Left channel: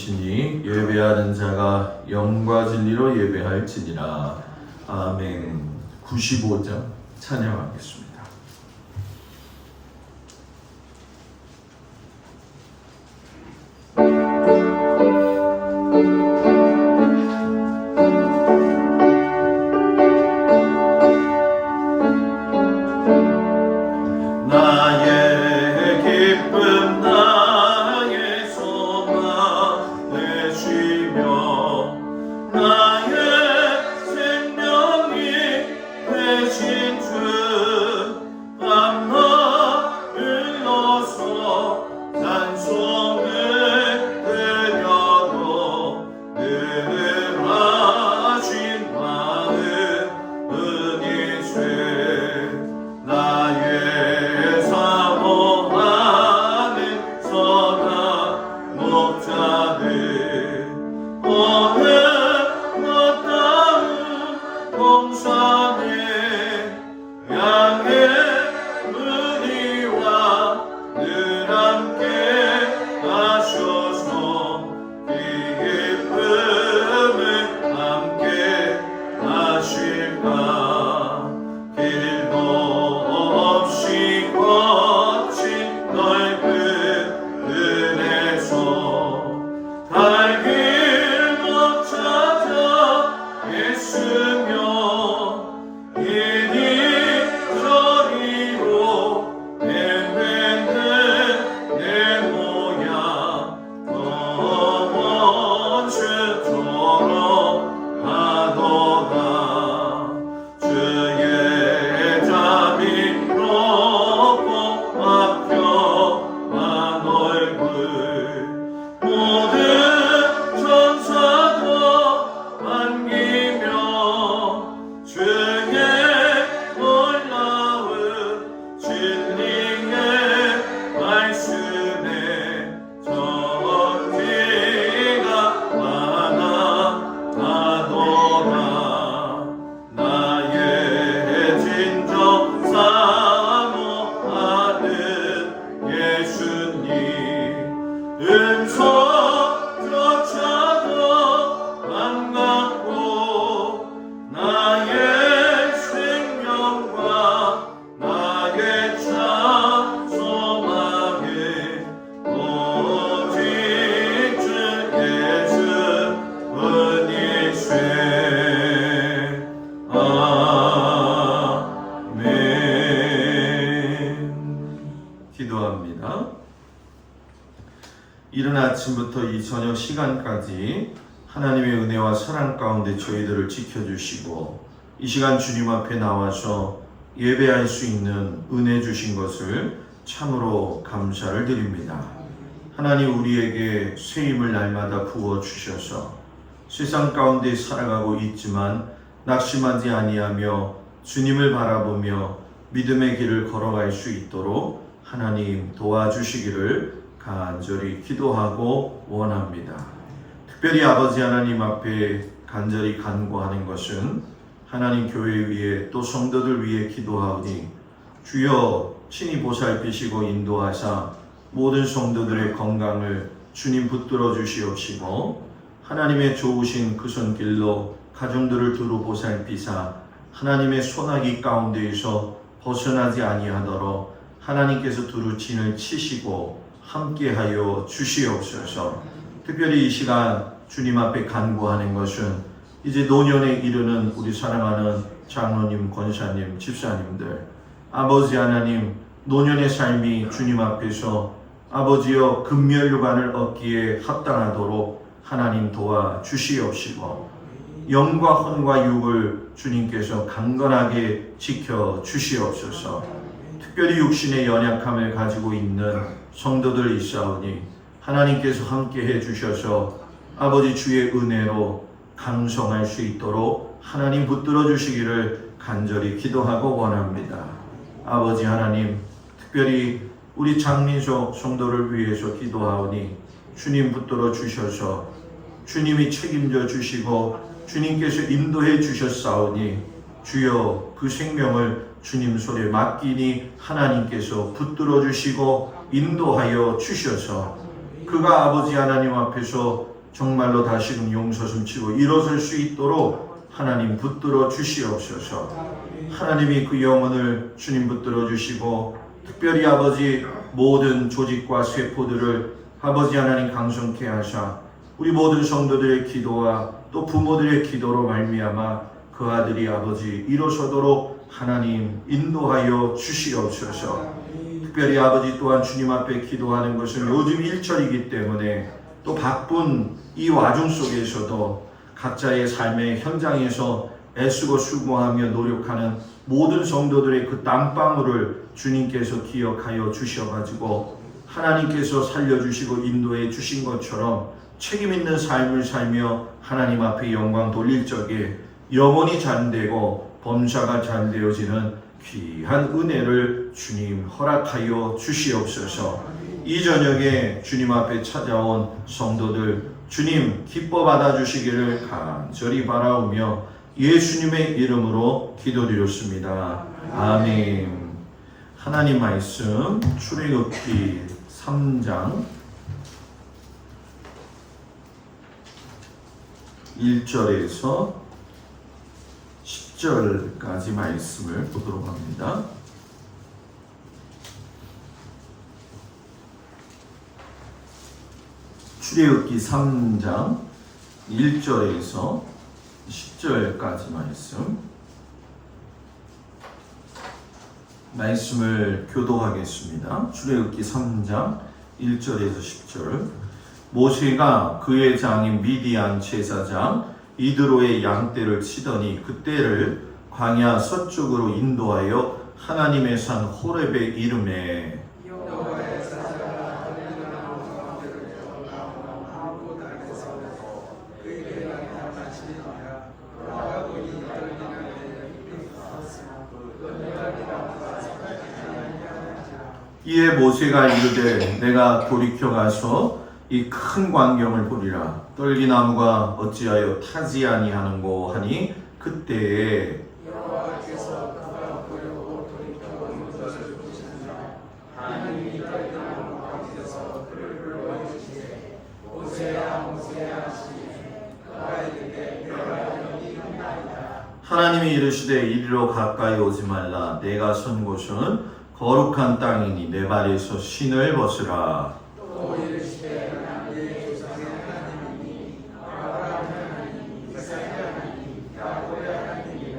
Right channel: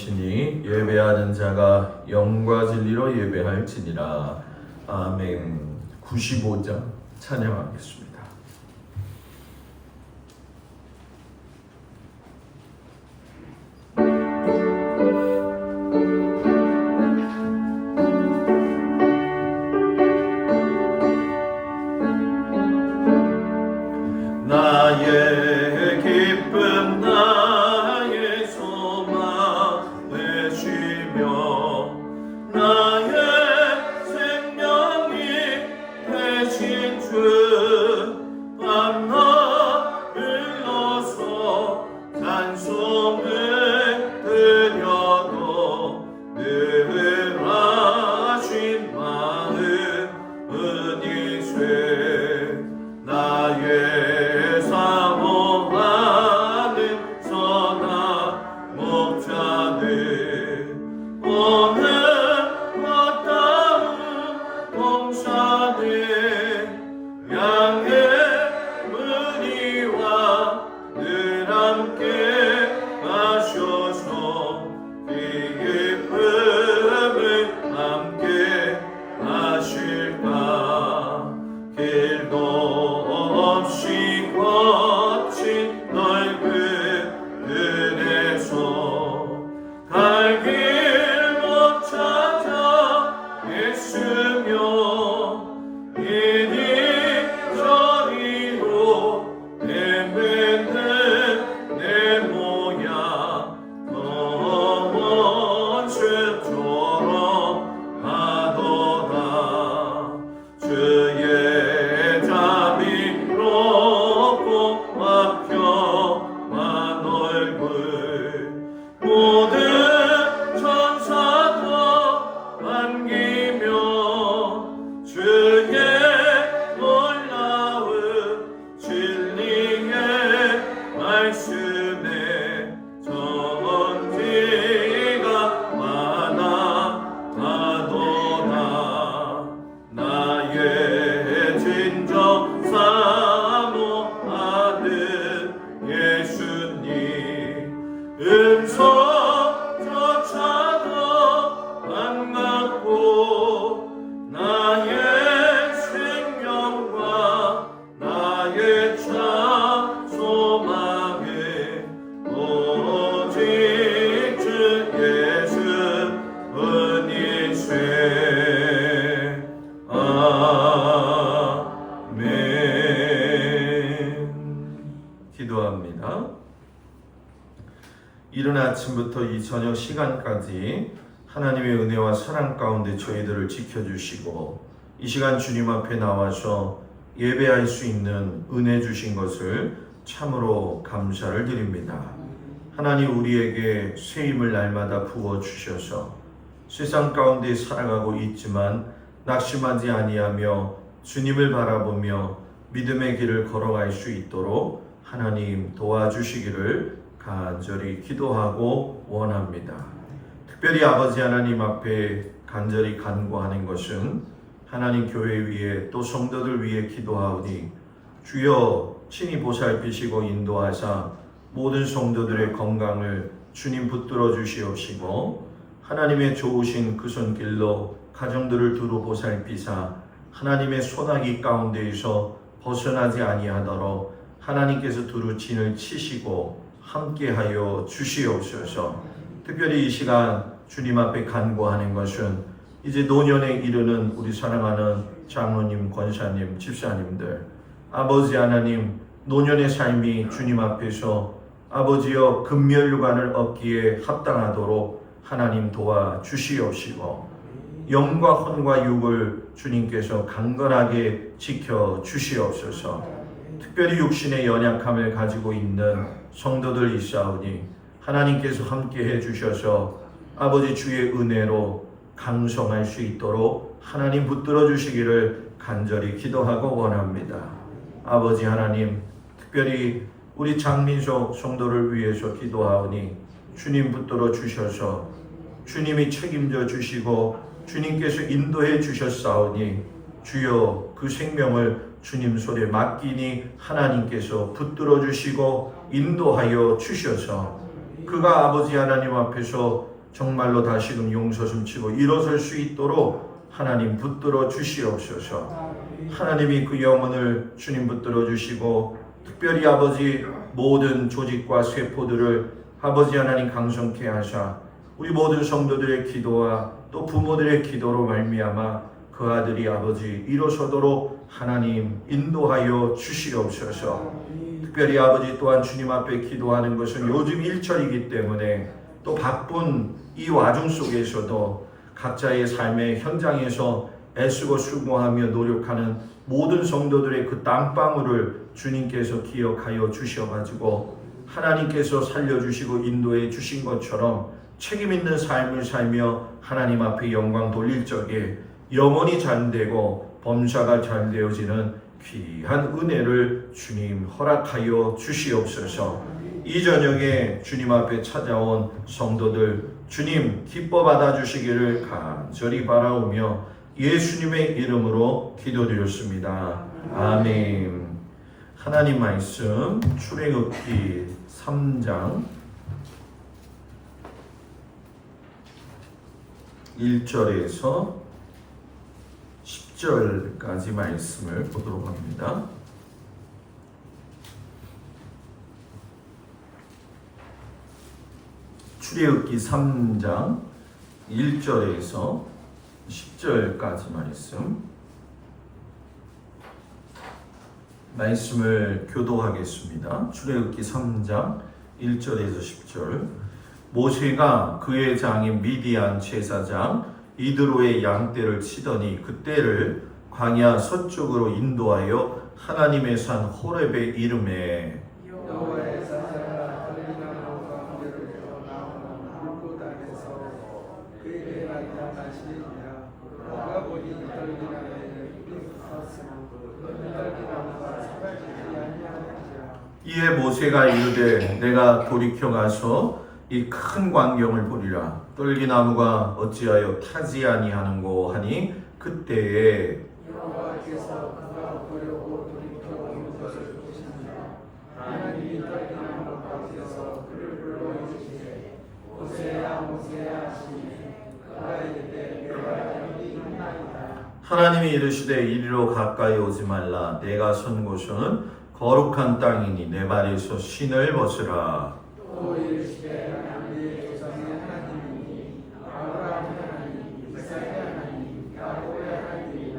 영이시니 예배하는 자가 영과 진리로 예배할지니라. 아멘. 95장 찬양하겠습니다. 나의 기쁨 나의 소망 되시며 나의 생명이 되신 주 밤낮 불러서 찬송을 드려도 늘 하신 마음 은이세 나의 사모하는 선한 목자들 오늘 어떠한 동산에 양의 은혜와 늘 함께 하셔서 기쁨을 함께 하실까. 길도 없이 거친 넓은 들에서 갈 길 못 찾아 애쓰며 이리 저리로 헤매는 내 모양 원수처럼 하더라. 주의 자비롭고 박혀만 얼굴 모든 천사도 반기며 주의 놀라운 진리의 말씀에 전지가 많아 가더라. 나의 진정 사모하는 예수님 음성조차도 반갑고 나의 생명과 나의 참 소망에 오직 주 예수 은이세. 아멘. 기도합니다. 이른 아침부터 이 저녁 시간까지 하나님의 은혜와 사랑 가운데 저희들을 지켜주시고 이 시간 주님 앞에 나와서 예배할 수 있는 은혜 주신 것을 참으로 감사를 드립니다. 하나님 우리에게 새 힘을 날마다 부어주셔서 세상 가운데 살아가고 있지만 낙심하지 아니하며 주님을 바라보며 믿음의 길을 걸어갈 수 있도록 하나님 도와주시기를 간절히 기도하고 원합니다. 특별히 아버지 하나님 앞에 간절히 간구하는 것은 하나님 교회 위에 또 성도들 위에 기도하오니 주여 친히 보살피시고 인도하사 모든 성도들의 건강을 주님 붙들어 주시옵시고 하나님의 좋으신 그 손길로 가정들을 두루 보살피사 하나님의 소나기 가운데에서 벗어나지 아니하도록 하나님께서 두루 진을 치시고 함께하여 주시옵소서. 특별히 이 시간 주님 앞에 간구하는 것은 이제 노년에 이르는 우리 사랑하는 장로님, 권사님, 집사님들 아버지 하나님 노년의 삶이 주님 앞에서 아버지여 금멸류관을 얻기에 합당하도록 하나님 도와주시옵시고 영과 혼과 육을 주님께서 강건하게 지켜주시옵소서. 특별히 육신의 연약함을 가지고 있는 성도들 있사오니 하나님께서 함께해 주셔서 아버지 주의 은혜로 강성할 수 있도록 하나님 붙들어 주시기를 간절히 기도하고 원합니다. 아버지 하나님 특별히 우리 장민석 성도를 위해서 기도하오니 주님 붙들어 주셔서 주님이 책임져 주시고 주님께서 인도해 주셨사오니 주여 그 생명을 주님 손에 맡기니 하나님께서 붙들어 주시고 인도하여 주셔서 그가 아버지 하나님 앞에서 정말로 다시금 용서심치고 일어설 수 있도록 하나님 붙들어 주시옵소서. 하나님이 그 영혼을 주님 붙들어 주시고 특별히 아버지 모든 조직과 세포들을 아버지 하나님 강성케 하사 우리 모든 성도들의 기도와 또 부모들의 기도로 말미암아 그 아들이 아버지 일어서도록 하나님 인도하여 주시옵소서. 특별히 아버지 또한 주님 앞에 기도하는 것은 요즘 일철이기 때문에 또 바쁜 이 와중 속에서도 각자의 삶의 현장에서 애쓰고 수고하며 노력하는 모든 성도들의 그 땀방울을 주님께서 기억하여 주셔가지고 하나님께서 살려주시고 인도해 주신 것처럼 책임 있는 삶을 살며 하나님 앞에 영광 돌릴 적에 영혼이 잠되고 범사가 잠되어지는 귀한 은혜를 주님 허락하여 주시옵소서. 이 저녁에 주님 앞에 찾아온 성도들 주님 기뻐 받아주시기를 간절히 바라오며 예수님의 이름으로 기도드렸습니다. 아멘. 하나님 말씀 출애굽기 3장 1절에서 10절까지 말씀을 보도록 합니다. 출애굽기 3장 1절에서 10절까지 말씀을 교도하겠습니다. 출애굽기 3장 1절에서 10절. 모세가 그의 장인 미디안 제사장 이드로의 양떼를 치더니 그 떼를 광야 서쪽으로 인도하여 하나님의 산 호렙에 이르매 이에 모세가 이르되 내가 돌이켜 가서 이 큰 광경을 보리라. 떨기나무가 어찌하여 타지 아니하는고 하니 그때에 여호와께서 그가 보려고 돌이켜 이곳을 보시니라. 하나님이 떨기나무 가운데서 그를 불러내시되 모세야 모세야 하시니 그가 이르되 내가 여기 있나이다. 하나님이 이르시되 이리로 가까이 오지 말라. 내가 선 곳은 거룩한 땅이니 내 발에서 신을 벗으라. 또 이르시되 내 조상의 하나님이 아브라함 하나님 이삭의 하나님 야곱의 하나님이나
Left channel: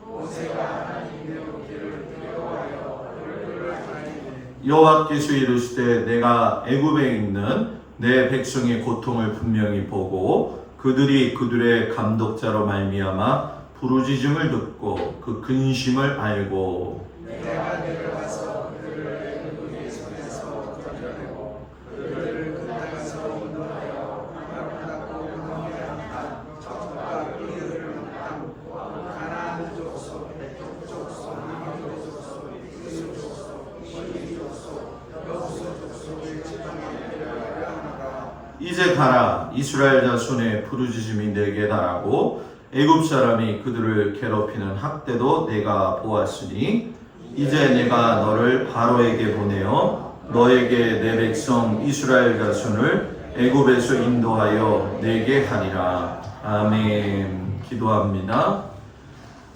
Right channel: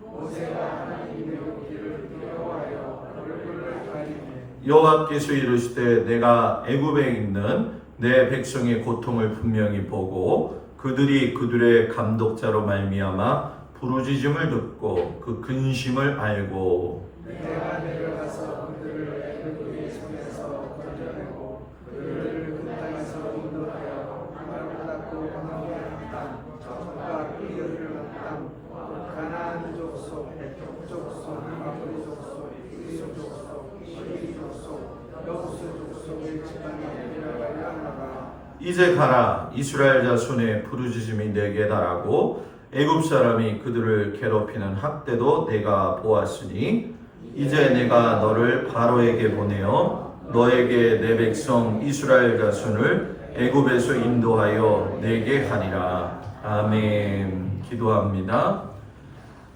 모세가 하나님의 오기를 두려워하여 얼굴을 가리되 여호와께서 이르시되 내가 애굽에 있는 내 백성의 고통을 분명히 보고 그들이 그들의 감독자로 말미암아 부르짖음을 듣고 그 근심을 알고 내가 내려가서 그들을 애굽의 손에서 건져내고 그들을 그 땅에서 인도하여 하나를 닦고 건너게 땅 적과 이르는 땅 가나안 족속 북 족속 남쪽 족속 이웃 족속 시리 족속 여호수 족속을 지방하게 되어야 하노라. 이제 가라. 이스라엘 자손의 부르짖음이 내게 달하고 애굽 사람이 그들을 괴롭히는 학대도 내가 보았으니 이제 내가 너를 바로에게 보내어 너에게 내 백성 이스라엘 자손을 애굽에서 인도하여 내게 하리라. 아멘. 기도합니다.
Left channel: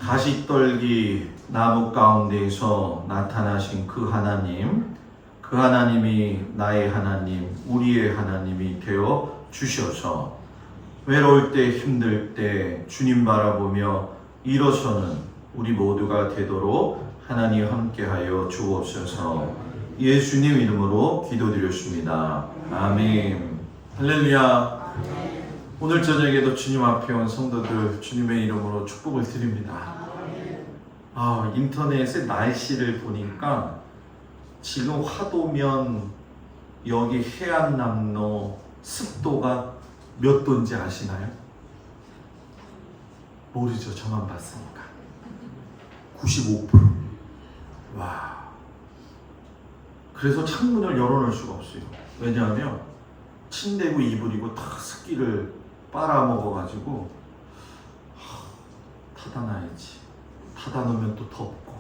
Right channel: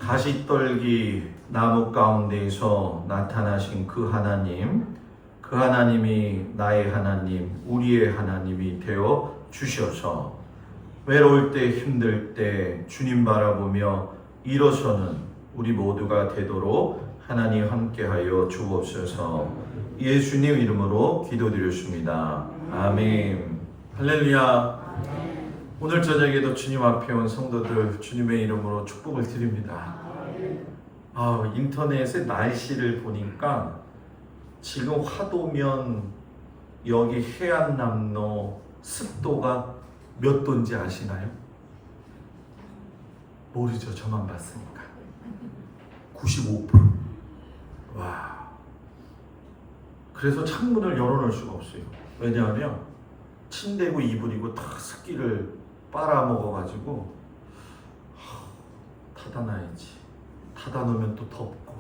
가시떨기 나무 가운데에서 나타나신 그 하나님, 그 하나님이 나의 하나님, 우리의 하나님이 되어 주셔서 외로울 때 힘들 때 주님 바라보며 일어서는 우리 모두가 되도록 하나님 함께하여 주옵소서. 예수님 이름으로 기도드렸습니다. 아멘. 할렐루야. 오늘 저녁에도 주님 앞에 온 성도들 주님의 이름으로 축복을 드립니다. 인터넷에 날씨를 보니까 지금 화도면 여기 해안남로 습도가 몇 도인지 아시나요? 모르죠. 저만 봤으니까. 95%. 와. 그래서 창문을 열어놓을 수가 없어요. 왜냐하면 침대고 이불이고 다 습기를 빨아먹어가지고 닫아놔야지. 닫아놓으면 또 덥고.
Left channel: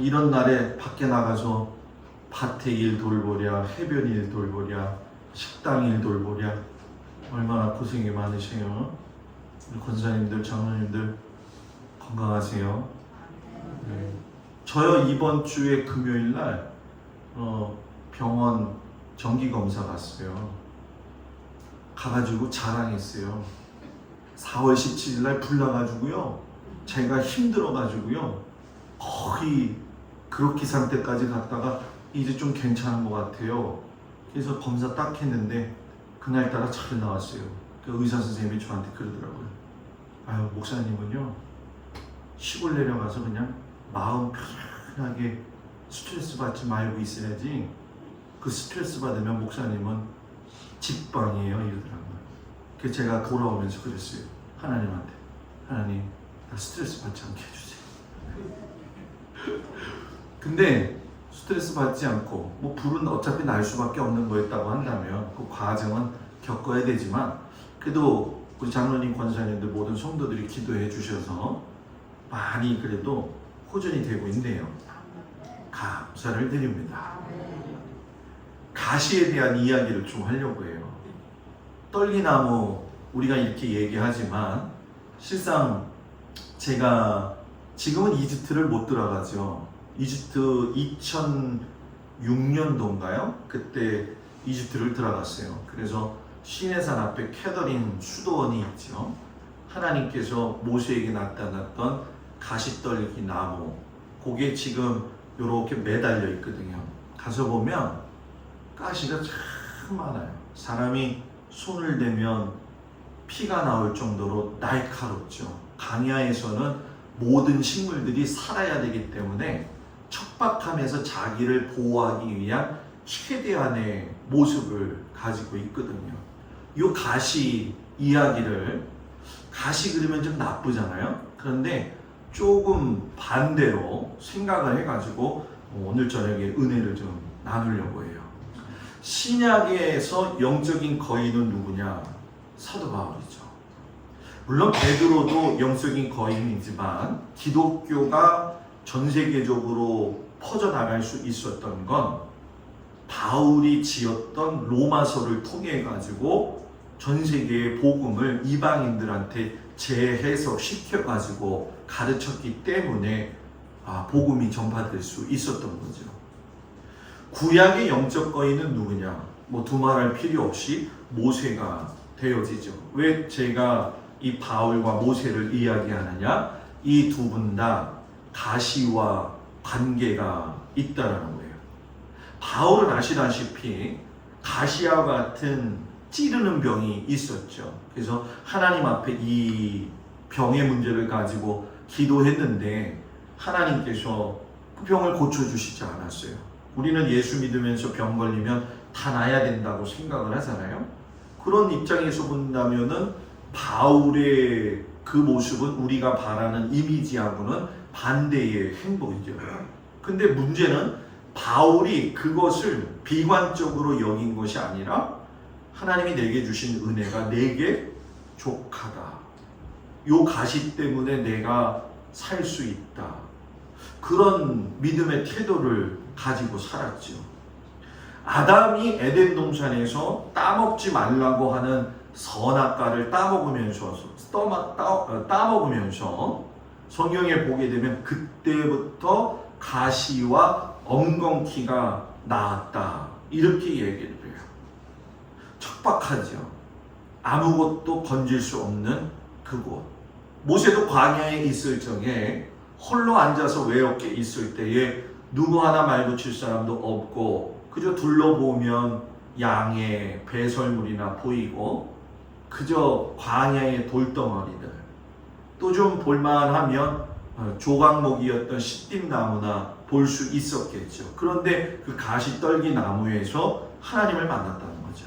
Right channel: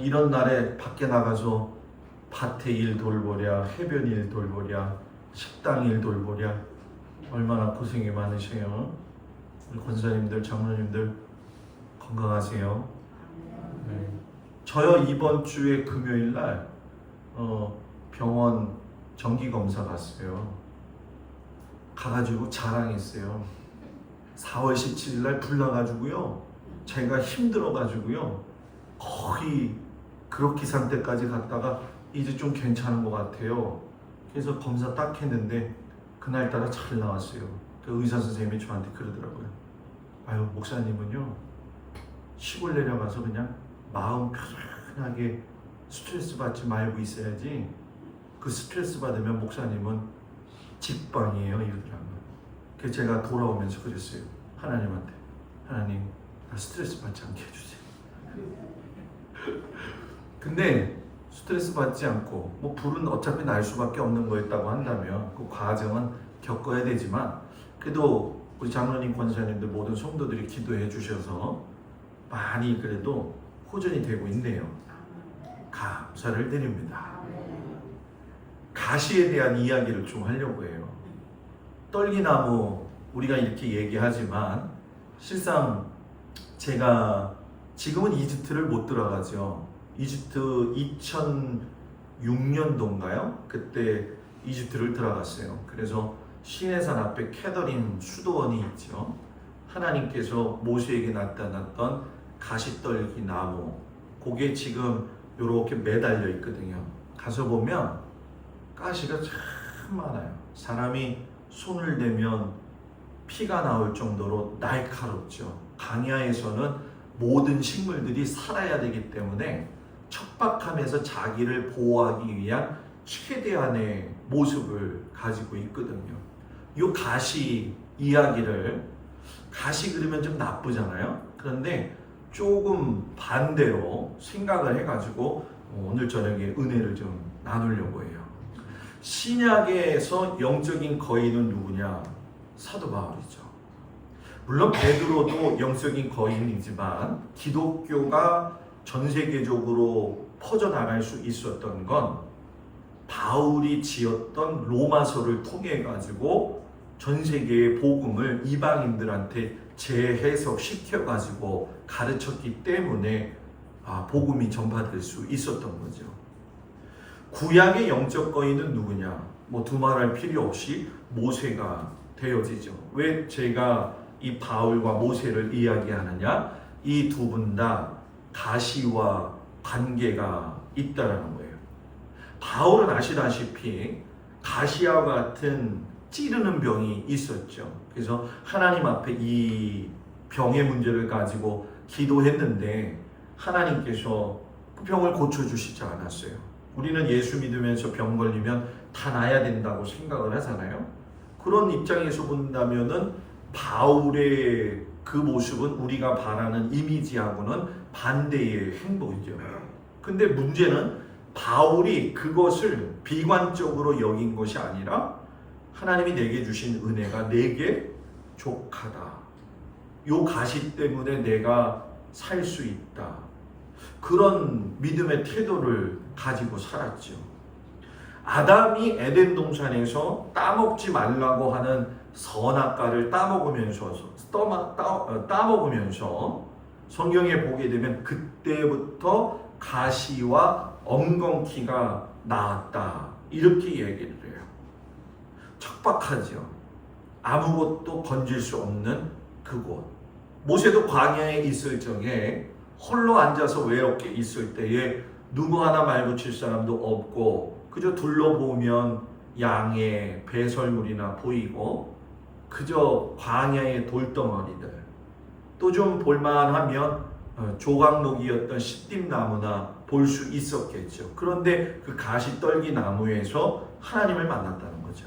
이런 날에 밖에 나가서 밭에 일 돌보랴, 해변 일 돌보랴, 식당 일 돌보랴 얼마나 고생이 많으세요. 우리 권사님들, 장로님들 건강하세요. 네. 저요 이번 주에 금요일 날 병원 정기 검사 갔어요. 가가지고 자랑했어요. 4월 17일 날 불나가지고요. 제가 힘들어가지고요. 거의 그렇게 상태까지 갔다가 이제 좀 괜찮은 것 같아요. 그래서 검사 딱 했는데 그날따라 잘 나왔어요. 그 의사 선생님이 저한테 그러더라고요. 아유, 목사님은요 시골 내려가서 그냥 마음 편하게 스트레스 받지 말고 있어야지, 그 스트레스 받으면 목사님은 직방이에요 이러더라고요. 그래서 제가 돌아오면서 그랬어요. 하나님한테, 하나님 나 스트레스 받지 않게 해주세요. 근데 스트레스 받지 않고 뭐 불은 어차피 날 수밖에 없는 거였다고 한다면 그 과정은 겪어야 되지만, 그래도 우리 장로님, 권사님들 모든 성도들이 기도해 주셔서 많이 그래도 호전이 되고 있네요. 감사를 드립니다. 가시에 대한 이야기를 좀 하려고 해요. 떨기나무 우리가 이렇게 얘기하지만 실상 제가 지금은 이집트를 못 들어가죠. 이집트 2006년도인가요? 그때 이집트를 들어갔어요. 그래서 시내산 앞에 캐더린 수도원이 있죠. 하나님께서 모세에게 나타났던 가시떨기 나무, 그게 지금 이렇게 매달려 있거든요. 가서 보면 가시가 참 많아요. 사람이 손을 대면 피가 나올 정도로 날카롭죠. 강야에서는 모든 식물들이 살아야 되기 때문에 척박함에서 자기를 보호하기 위한 최대한의 모습을 가지고 있거든요. 이 가시 이야기를, 가시 그리면 좀 나쁘잖아요. 그런데 조금 반대로 생각을 해가지고 오늘 저녁에 은혜를 좀 나누려고 해요. 신약에서 영적인 거인은 누구냐? 사도 바울이죠. 물론 베드로도 영적인 거인이지만 기독교가 전 세계적으로 퍼져나갈 수 있었던 건 바울이 지었던 로마서를 통해 가지고 전 세계의 복음을 이방인들한테 재해석시켜 가지고 가르쳤기 때문에 복음이 전파될 수 있었던 거죠. 구약의 영적 거인은 누구냐? 뭐 두말할 필요 없이 모세가 되어지죠. 왜 제가 이 바울과 모세를 이야기하느냐? 이 두 분 다 가시와 관계가 있다라는 거예요. 바울은 아시다시피 가시와 같은 찌르는 병이 있었죠. 그래서 하나님 앞에 이 병의 문제를 가지고 기도했는데 하나님께서 그 병을 고쳐주시지 않았어요. 우리는 예수 믿으면서 병 걸리면 다 나아야 된다고 생각을 하잖아요. 그런 입장에서 본다면은 바울의 그 모습은 우리가 바라는 이미지하고는 반대의 행보이죠. 근데 문제는 바울이 그것을 비관적으로 여긴 것이 아니라 하나님이 내게 주신 은혜가 내게 족하다. 요 가시 때문에 내가 살 수 있다. 그런 믿음의 태도를 가지고 살았죠. 아담이 에덴 동산에서 따먹지 말라고 하는 선악과를 따먹으면서 성경에 보게 되면 그때부터 가시와 엉겅퀴가 나왔다. 이렇게 얘기를 해요. 척박하죠. 아무것도 건질 수 없는 그곳. 모세도 광야에 있을 적에 홀로 앉아서 외롭게 있을 때에 누구 하나 말고 칠 사람도 없고 그저 둘러보면 양의 배설물이나 보이고 그저 광야의 돌덩어리들, 또 좀 볼만하면 조각목이었던 시띠나무나 볼 수 있었겠죠. 그런데 그 가시떨기 나무에서 하나님을 만났다는 거죠.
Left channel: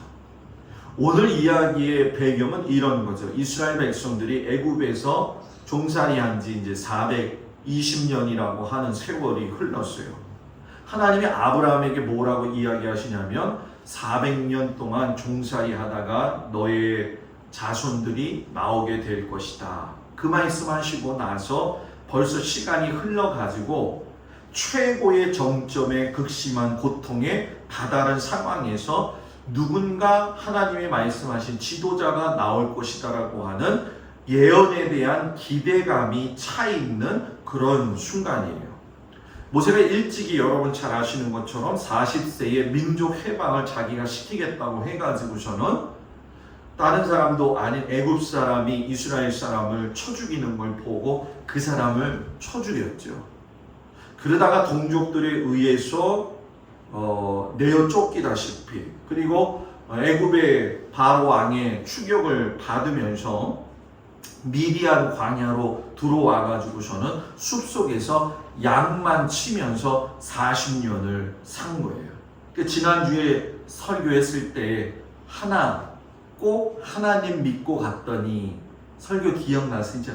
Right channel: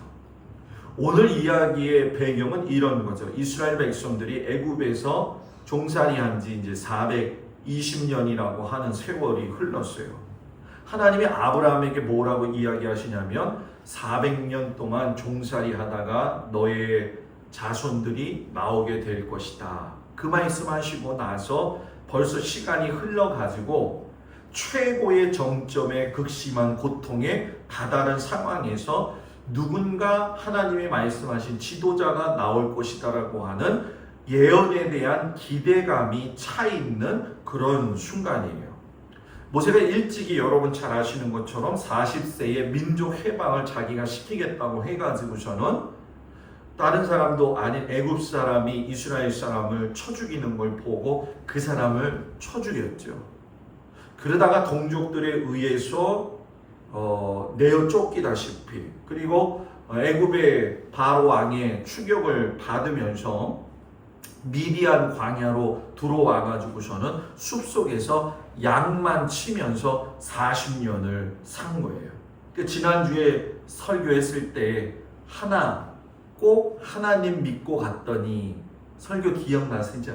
오늘 이야기의 배경은 이런 거죠. 이스라엘 백성들이 애굽에서 종살이한 지 이제 420년이라고 하는 세월이 흘렀어요. 하나님이 아브라함에게 뭐라고 이야기하시냐면 400년 동안 종살이 하다가 너의 자손들이 나오게 될 것이다. 그 말씀하시고 나서 벌써 시간이 흘러가지고 최고의 정점의 극심한 고통에 다다른 상황에서 누군가 하나님이 말씀하신 지도자가 나올 것이다라고 하는 예언에 대한 기대감이 차 있는 그런 순간이에요. 모세가 일찍이 여러분 잘 아시는 것처럼 40세에 민족 해방을 자기가 시키겠다고 해가지고서는 다른 사람도 아닌 애굽 사람이 이스라엘 사람을 쳐 죽이는 걸 보고 그 사람을 쳐 죽였죠. 그러다가 동족들에 의해서 내어 쫓기다시피, 그리고 애굽의 바로 왕의 추격을 받으면서 미디안 광야로 들어와 가지고서는 숲속에서 양만 치면서 40년을 산 거예요. 지난주에 설교했을 때 꼭 하나님 믿고 갔더니 설교 기억나시죠?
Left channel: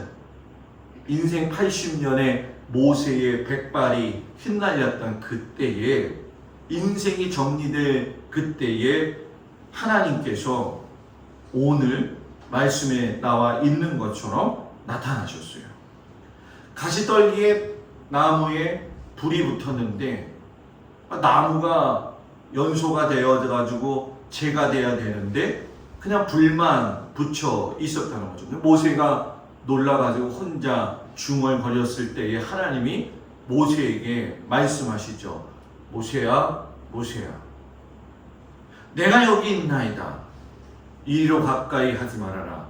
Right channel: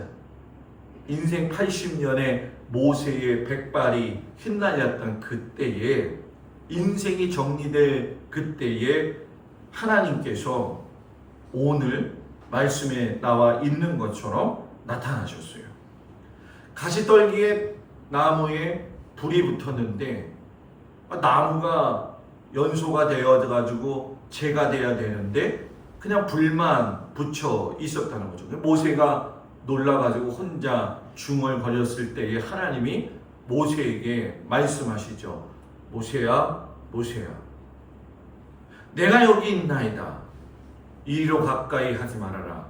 인생 80년에 모세의 백발이 휘날렸던 그때에, 인생이 정리될 그때에 하나님께서 오늘 말씀에 나와 있는 것처럼 나타나셨어요. 가시떨기에 나무에 불이 붙었는데 나무가 연소가 되어가지고 재가 돼야 되는데 그냥 불만 붙여 있었다는 거죠. 모세가 놀라가지고 혼자 중얼거렸을 때에 하나님이 모세에게 말씀하시죠. 모세야, 모세야, 내가 여기 있나이다. 이리로 가까이 하지 말아라.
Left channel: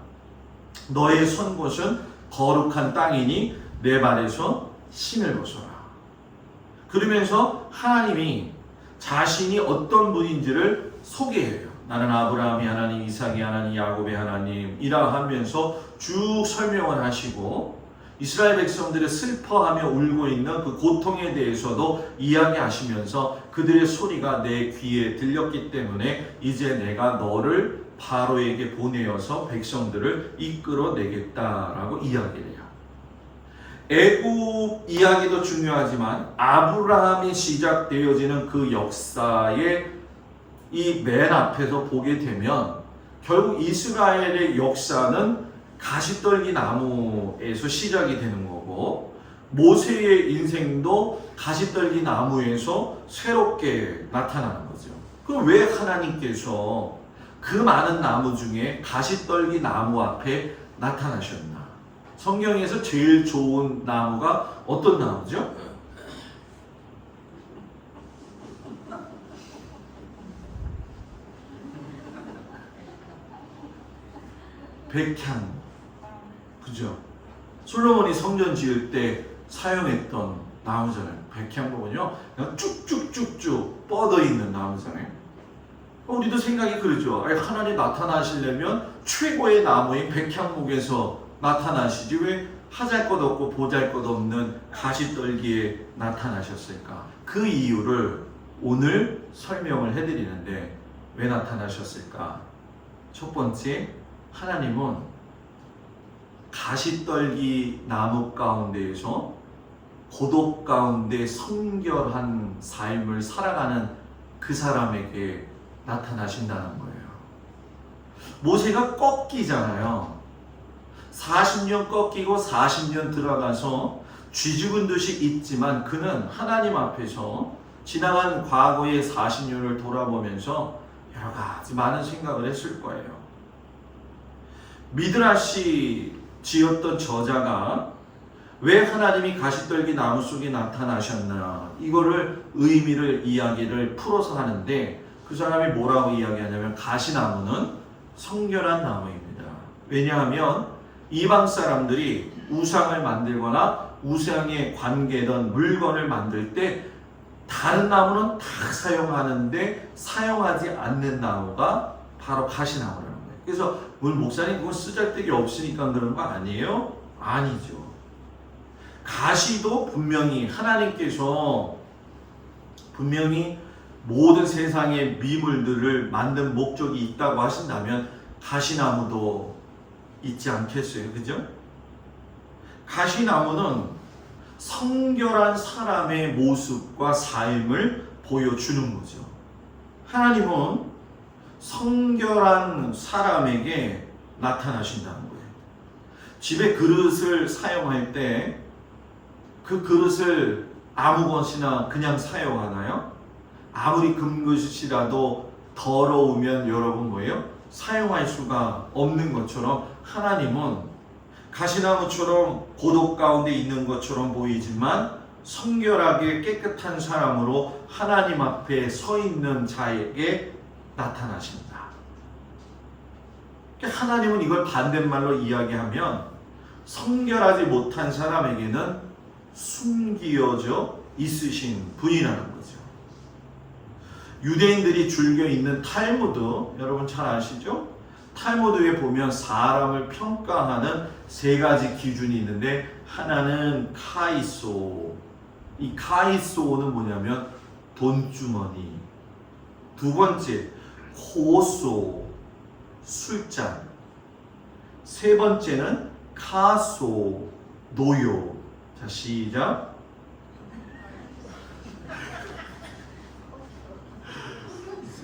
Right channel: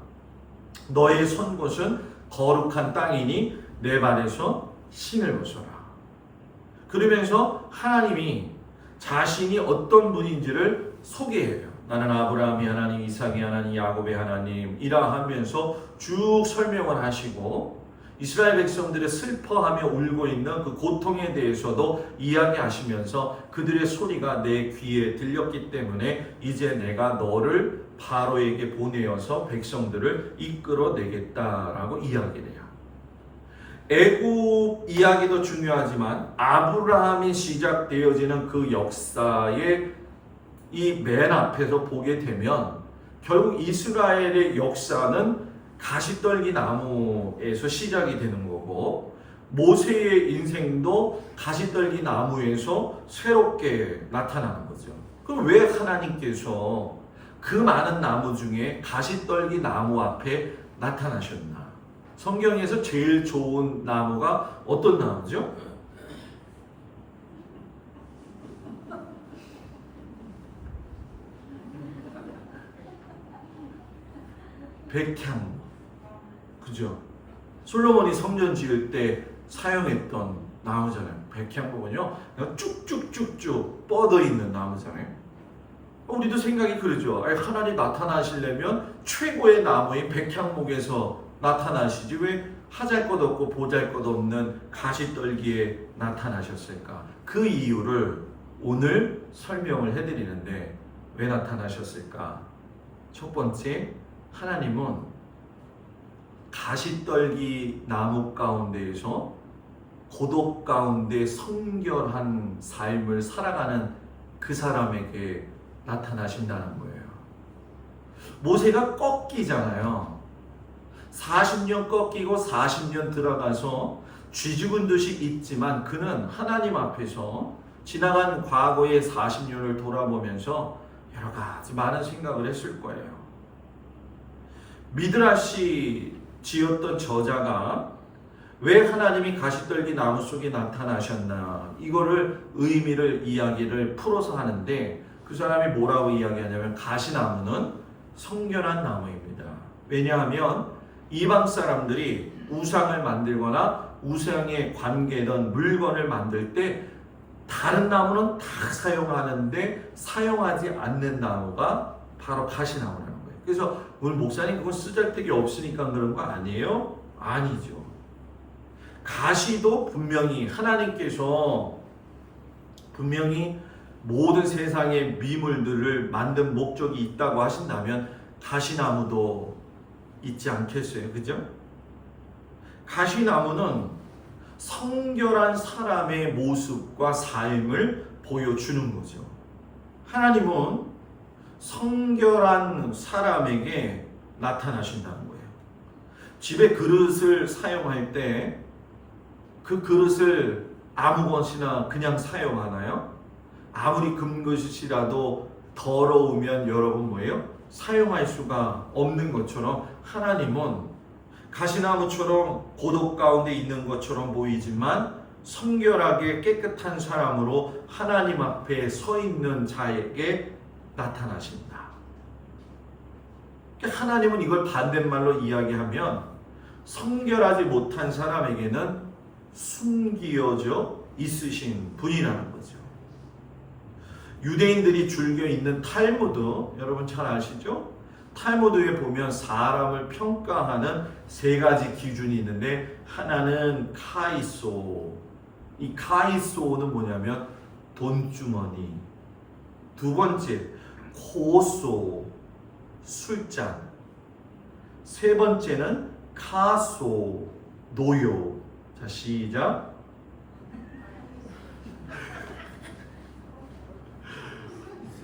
너의 선 곳은 거룩한 땅이니 내 발에서 신을 벗어라. 그러면서 하나님이 자신이 어떤 분인지를 소개해요. 나는 아브라함의 하나님, 이삭의 하나님, 야곱의 하나님이라 하면서 쭉 설명을 하시고 이스라엘 백성들의 슬퍼하며 울고 있는 그 고통에 대해서도 이야기하시면서 그들의 소리가 내 귀에 들렸기 때문에 이제 내가 너를 바로에게 보내어서 백성들을 이끌어내겠다라고 이야기를 해요. 애굽 이야기도 중요하지만 아브라함이 시작되어지는 그 역사의 이 맨 앞에서 보게 되면 결국 이스라엘의 역사는 가시떨기 나무에서 시작이 되는 거고, 모세의 인생도 가시떨기 나무에서 새롭게 나타나는 거죠. 그럼 왜 하나님께서 그 많은 나무 중에 가시떨기 나무 앞에 나타나셨나? 성경에서 제일 좋은 나무가 어떤 나무죠? 백향, 그죠? 솔로몬이 성전 지을 때 사용했던 나무잖아요. 백향목은요, 쭉쭉쭉쭉 뻗어 있는 나무잖아요. 우리도 생각이 그러죠. 하나님 나타나시려면 최고의 나무인 백향목에서 나타나시지 왜 하잘것없고 보잘것없는 가시떨기에 나타나셨을까? 그 이유를 오늘 설명을 해드리는데, 왜 나타나셨을까? 첫 번째, 하나님은 가시떨기 나무 가운데에서 고독 가운데 성결한 삶을 살아가는 그 사람에게 나타나신다는 거예요. 모세가 꺾이잖아요. 40년 꺾이고 40년 들어가서 쥐죽은 듯이 있지만 그는 하나님 앞에서 지나간 과거의 40년을 돌아보면서 여러 가지 많은 생각을 했을 거예요. 미드라시 지었던 저자가 왜 하나님이 가시떨기 나무 속에 나타나셨나, 이거를 의미를 이야기를 풀어서 하는데, 그 사람이 뭐라고 이야기하냐면 가시나무는 성결한 나무입니다. 왜냐하면 이방 사람들이 우상을 만들거나 우상에 관계된 물건을 만들 때 다른 나무는 다 사용하는데 사용하지 않는 나무가 바로 가시나무라는 거예요. 그래서 오늘 목사님 그건 쓰잘데기 없으니까 그런 거 아니에요? 아니죠. 가시도 분명히 하나님께서 분명히 모든 세상의 미물들을 만든 목적이 있다고 하신다면 가시나무도 있지 않겠어요? 그죠? 가시나무는 성결한 사람의 모습과 삶을 보여주는 거죠. 하나님은 성결한 사람에게 나타나신다는 거예요. 집에 그릇을 사용할 때 그 그릇을 아무 것이나 그냥 사용하나요? 아무리 금 그릇이라도 더러우면 여러분 뭐예요? 사용할 수가 없는 것처럼 하나님은 가시나무처럼 고독 가운데 있는 것처럼 보이지만 성결하게 깨끗한 사람으로 하나님 앞에 서 있는 자에게 나타나십니다. 하나님은 이걸 반대말로 이야기하면 성결하지 못한 사람에게는 숨기어져 있으신 분이라는 거죠. 유대인들이 즐겨 있는 탈무드, 여러분 잘 아시죠? 탈무드에 보면 사람을 평가하는 세 가지 기준이 있는데 하나는 카이소. 이 카이소는 뭐냐면 돈주머니. 두 번째 코소, 술잔. 세 번째는 카소, 노요. 자, 시작.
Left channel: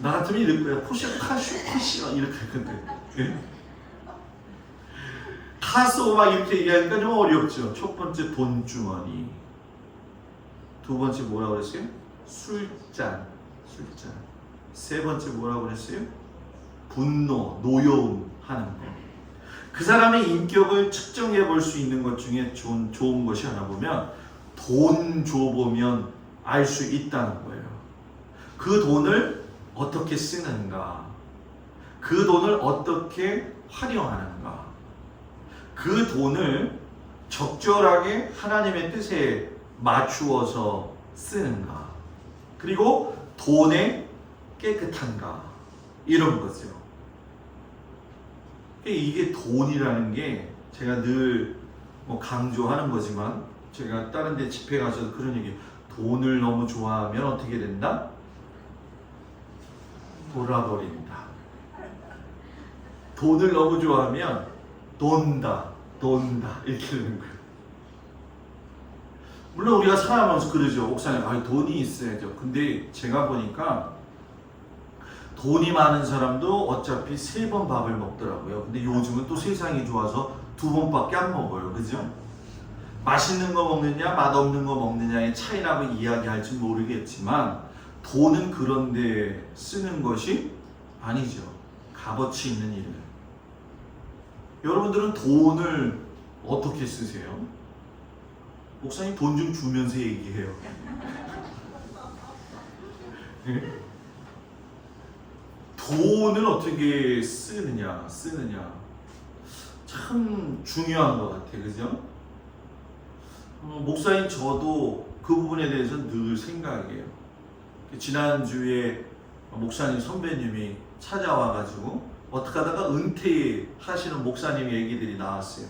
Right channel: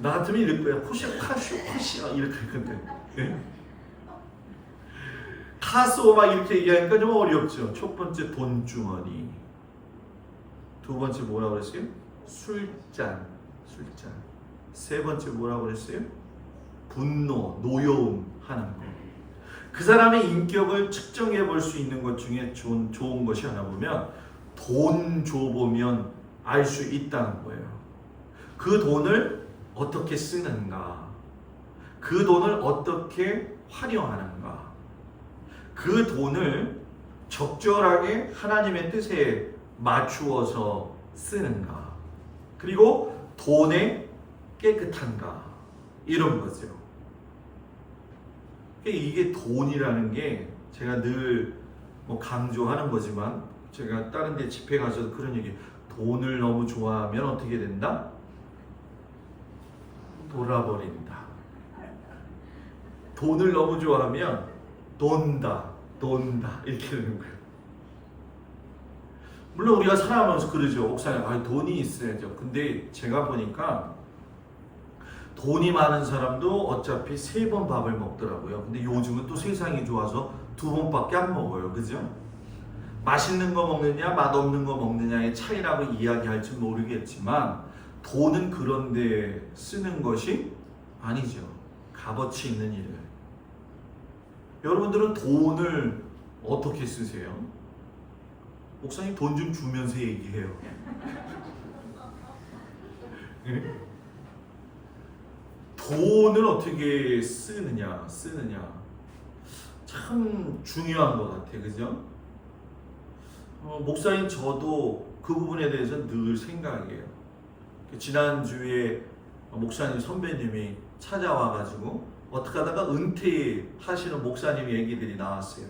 나 같으면 이럴 거야. 코시가 이렇게 할 건데. 네? 카소 막 이렇게 얘기하니까 좀 어렵죠. 첫 번째 돈주머니. 두 번째 뭐라 그랬어요? 술잔. 세 번째 뭐라 그랬어요? 분노, 노여움 하는 거. 그 사람의 인격을 측정해 볼 수 있는 것 중에 좋은 것이 하나 보면 돈 줘보면 알 수 있다는 거예요. 그 돈을 어떻게 쓰는가, 그 돈을 어떻게 활용하는가, 그 돈을 적절하게 하나님의 뜻에 맞추어서 쓰는가, 그리고 돈에 깨끗한가, 이런 거죠. 이게 돈이라는 게 제가 늘 강조하는 거지만 제가 다른 데 집회 가서도 그런 얘기, 돈을 너무 좋아하면 어떻게 된다? 돌아버린다. 돈을 너무 좋아하면 돈다 이렇게 되는 거예요. 물론 우리가 살아가면서 그러죠. 목사님, 돈이 있어야죠. 근데 제가 보니까 돈이 많은 사람도 어차피 3번 밥을 먹더라고요. 근데 요즘은 또 세상이 좋아서 2번밖에 안 먹어요. 그죠? 맛있는 거 먹느냐 맛없는 거 먹느냐의 차이라고 이야기할지 모르겠지만 돈은 그런데 쓰는 것이 아니죠. 값어치 있는 일은. 여러분들은 돈을 어떻게 쓰세요? 목사님 돈 좀 주면서 얘기해요. 돈을 어떻게 쓰느냐 참 중요한 것 같아요. 그죠? 목사님 저도 그 부분에 대해서 늘 생각해요. 지난주에 목사님 선배님이 찾아와가지고 어떻게 하다가 은퇴하시는 목사님 얘기들이 나왔어요.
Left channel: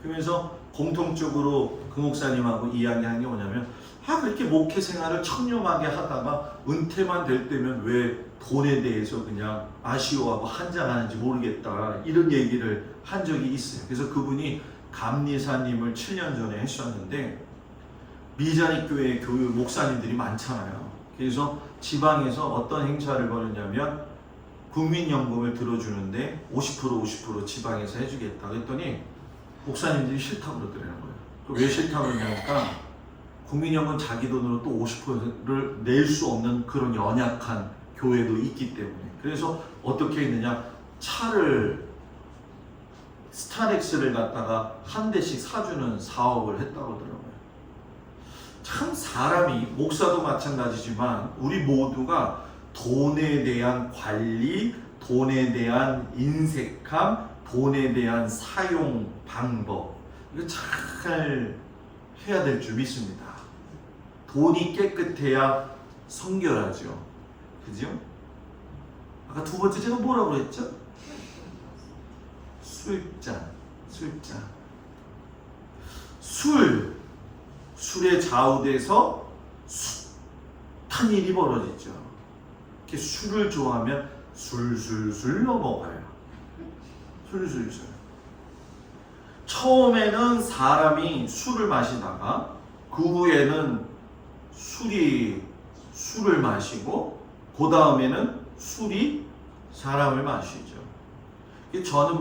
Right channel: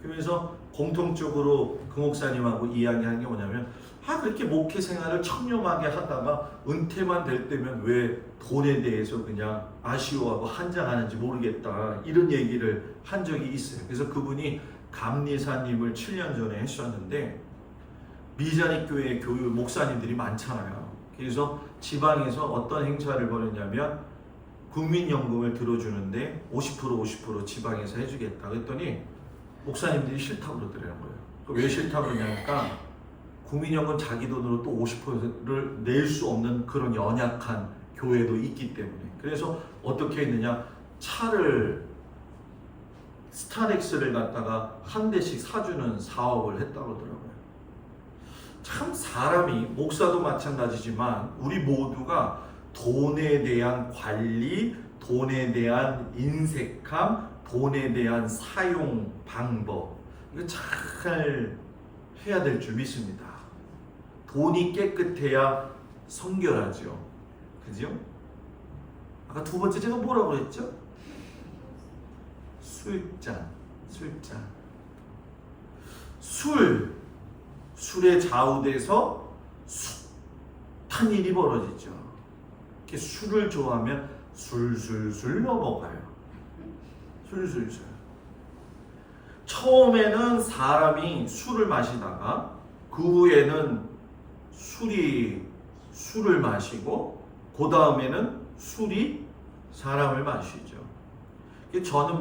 그러면서 공통적으로 그 목사님하고 이야기한 게 뭐냐면 그렇게 목회 생활을 청렴하게 하다가 은퇴만 될 때면 왜 돈에 대해서 그냥 아쉬워하고 한장하는지 모르겠다, 이런 얘기를 한 적이 있어요. 그래서 그분이 감리사님을 7년 전에 하셨는데 미자닉 교회 교육 목사님들이 많잖아요. 그래서 지방에서 어떤 행사를 벌였냐면 국민연금을 들어주는데 50% 지방에서 해주겠다 그랬더니 목사님들이 싫다고 그러더라고요. 왜 싫다고 그러냐니까 국민연금 자기 돈으로 또 50%를 낼 수 없는 그런 연약한 교회도 있기 때문에. 그래서 어떻게 했느냐, 차를 스타렉스를 갖다가 한 대씩 사주는 사업을 했다고 그러더라고요. 참 사람이, 목사도 마찬가지지만 우리 모두가 돈에 대한 관리, 돈에 대한 인색함, 돈에 대한 사용 방법, 이거 잘 해야 될 줄 믿습니다. 돈이 깨끗해야 성결하죠. 그죠? 아까 두 번째 제가 뭐라고 했죠? 술잔. 술에 좌우돼서 숱한 일이 벌어지죠. 이렇게 술을 좋아하면 술술술 넘어가요. 술술술. 처음에는 사람이 술을 마시다가 그 후에는 술을 마시고 그 다음에는 술이 사람을 마시죠. 저는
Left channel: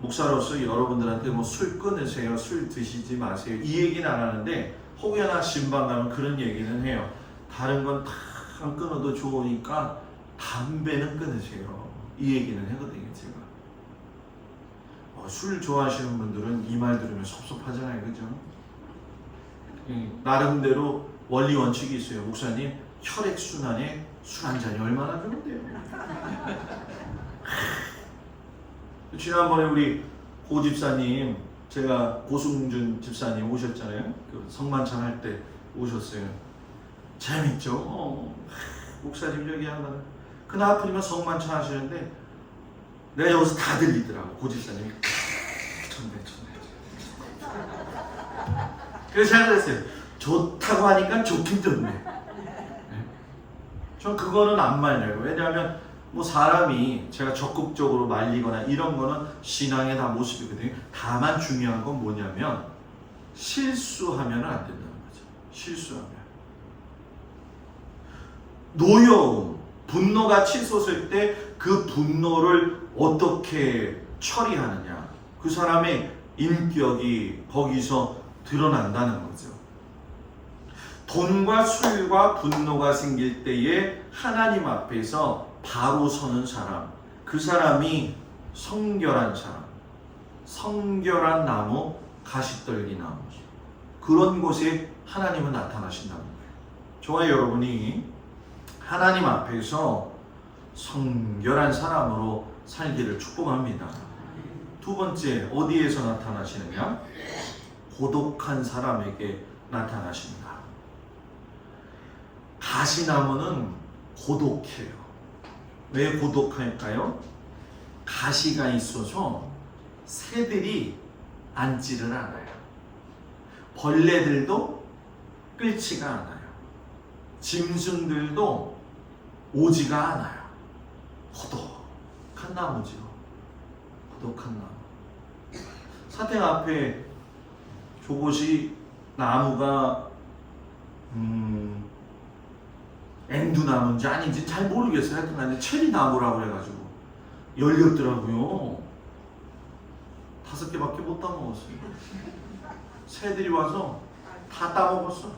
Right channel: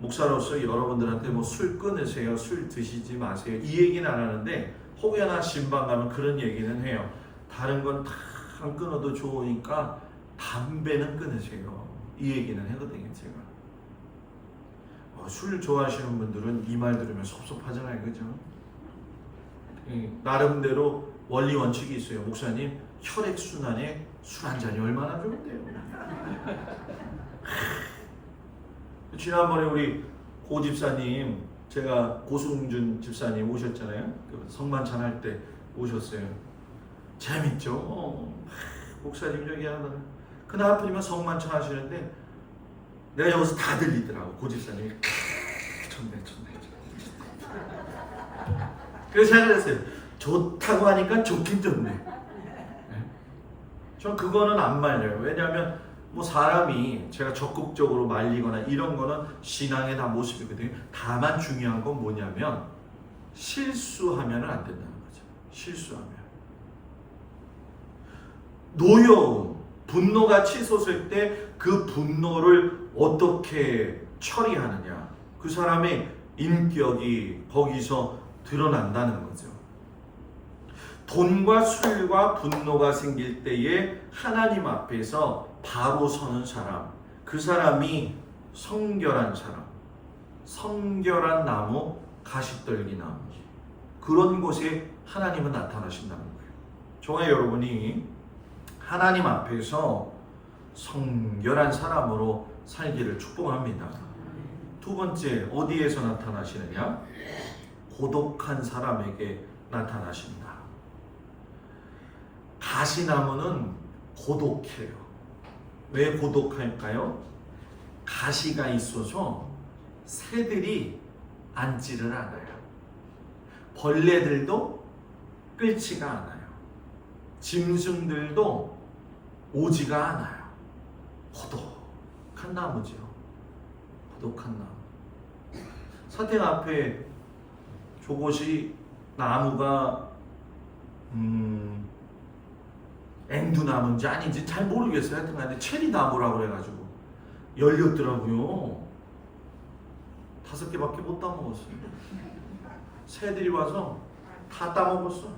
목사로서 여러분들한테 술 끊으세요, 술 드시지 마세요, 이 얘기는 안 하는데 혹여나 신방 가면 그런 얘기는 해요. 다른 건 다 안 끊어도 좋으니까 담배는 끊으세요. 이 얘기는 하거든요, 제가. 술 좋아하시는 분들은 이 말 들으면 섭섭하잖아요, 그죠? 나름대로 원리 원칙이 있어요. 목사님, 혈액 순환에 술 한 잔이 얼마나 좋은데요? 지난번에 우리 고 집사님, 제가 고승준 집사님 오셨잖아요. 그 성만찬 할 때 오셨어요. 재밌죠? 목사님 저기 한다는. 그날 하필이면 성만찬 하시는데 내가 여기서 다 들리더라고. 고 집사님이 좋네. 그래서 생각했어요. 좋다고 하니까 좋긴 좋네. 전 그거는 안 말려요. 왜냐하면 뭐 사람이 제가 적극적으로 말리거나 이런 거는 신앙의 다 모습이거든요. 다만 중요한 건 뭐냐면 실수하면 안 된다는 거죠. 실수하면. 노여움, 분노가 치솟을 때 그 분노를 어떻게 처리하느냐. 그 사람의 인격이 거기서 드러난다는 거죠. 돈과 술과 분노가 생길 때에 하나님 앞에서 바로 서는 사람, 그 사람이 성결한 사람, 성결한 나무, 가시떨기 나무, 그런 곳에 하나님은 나타나신다는 거예요. 저와 여러분이 하나님 앞에서 성결한 사람으로 살기를 축복합니다. 두 번째, 어디에서 나타나시느냐? 고독한 사람에게 나타나십니다. 가시나무는 고독해요. 왜 고독할까요? 가시가 있어서 새들이 앉지를 않아요. 벌레들도 끌지가 않아요. 짐승들도 오지가 않아요. 고독한 나무죠. 고독한 나무. 사택 앞에 저곳이 나무가 앵두나무인지 아닌지 잘 모르겠어요. 하여튼 간에 체리나무라고 그래가지고 열렸더라고요. 5개밖에 못 따먹었어요. 새들이 와서 다 따먹었어.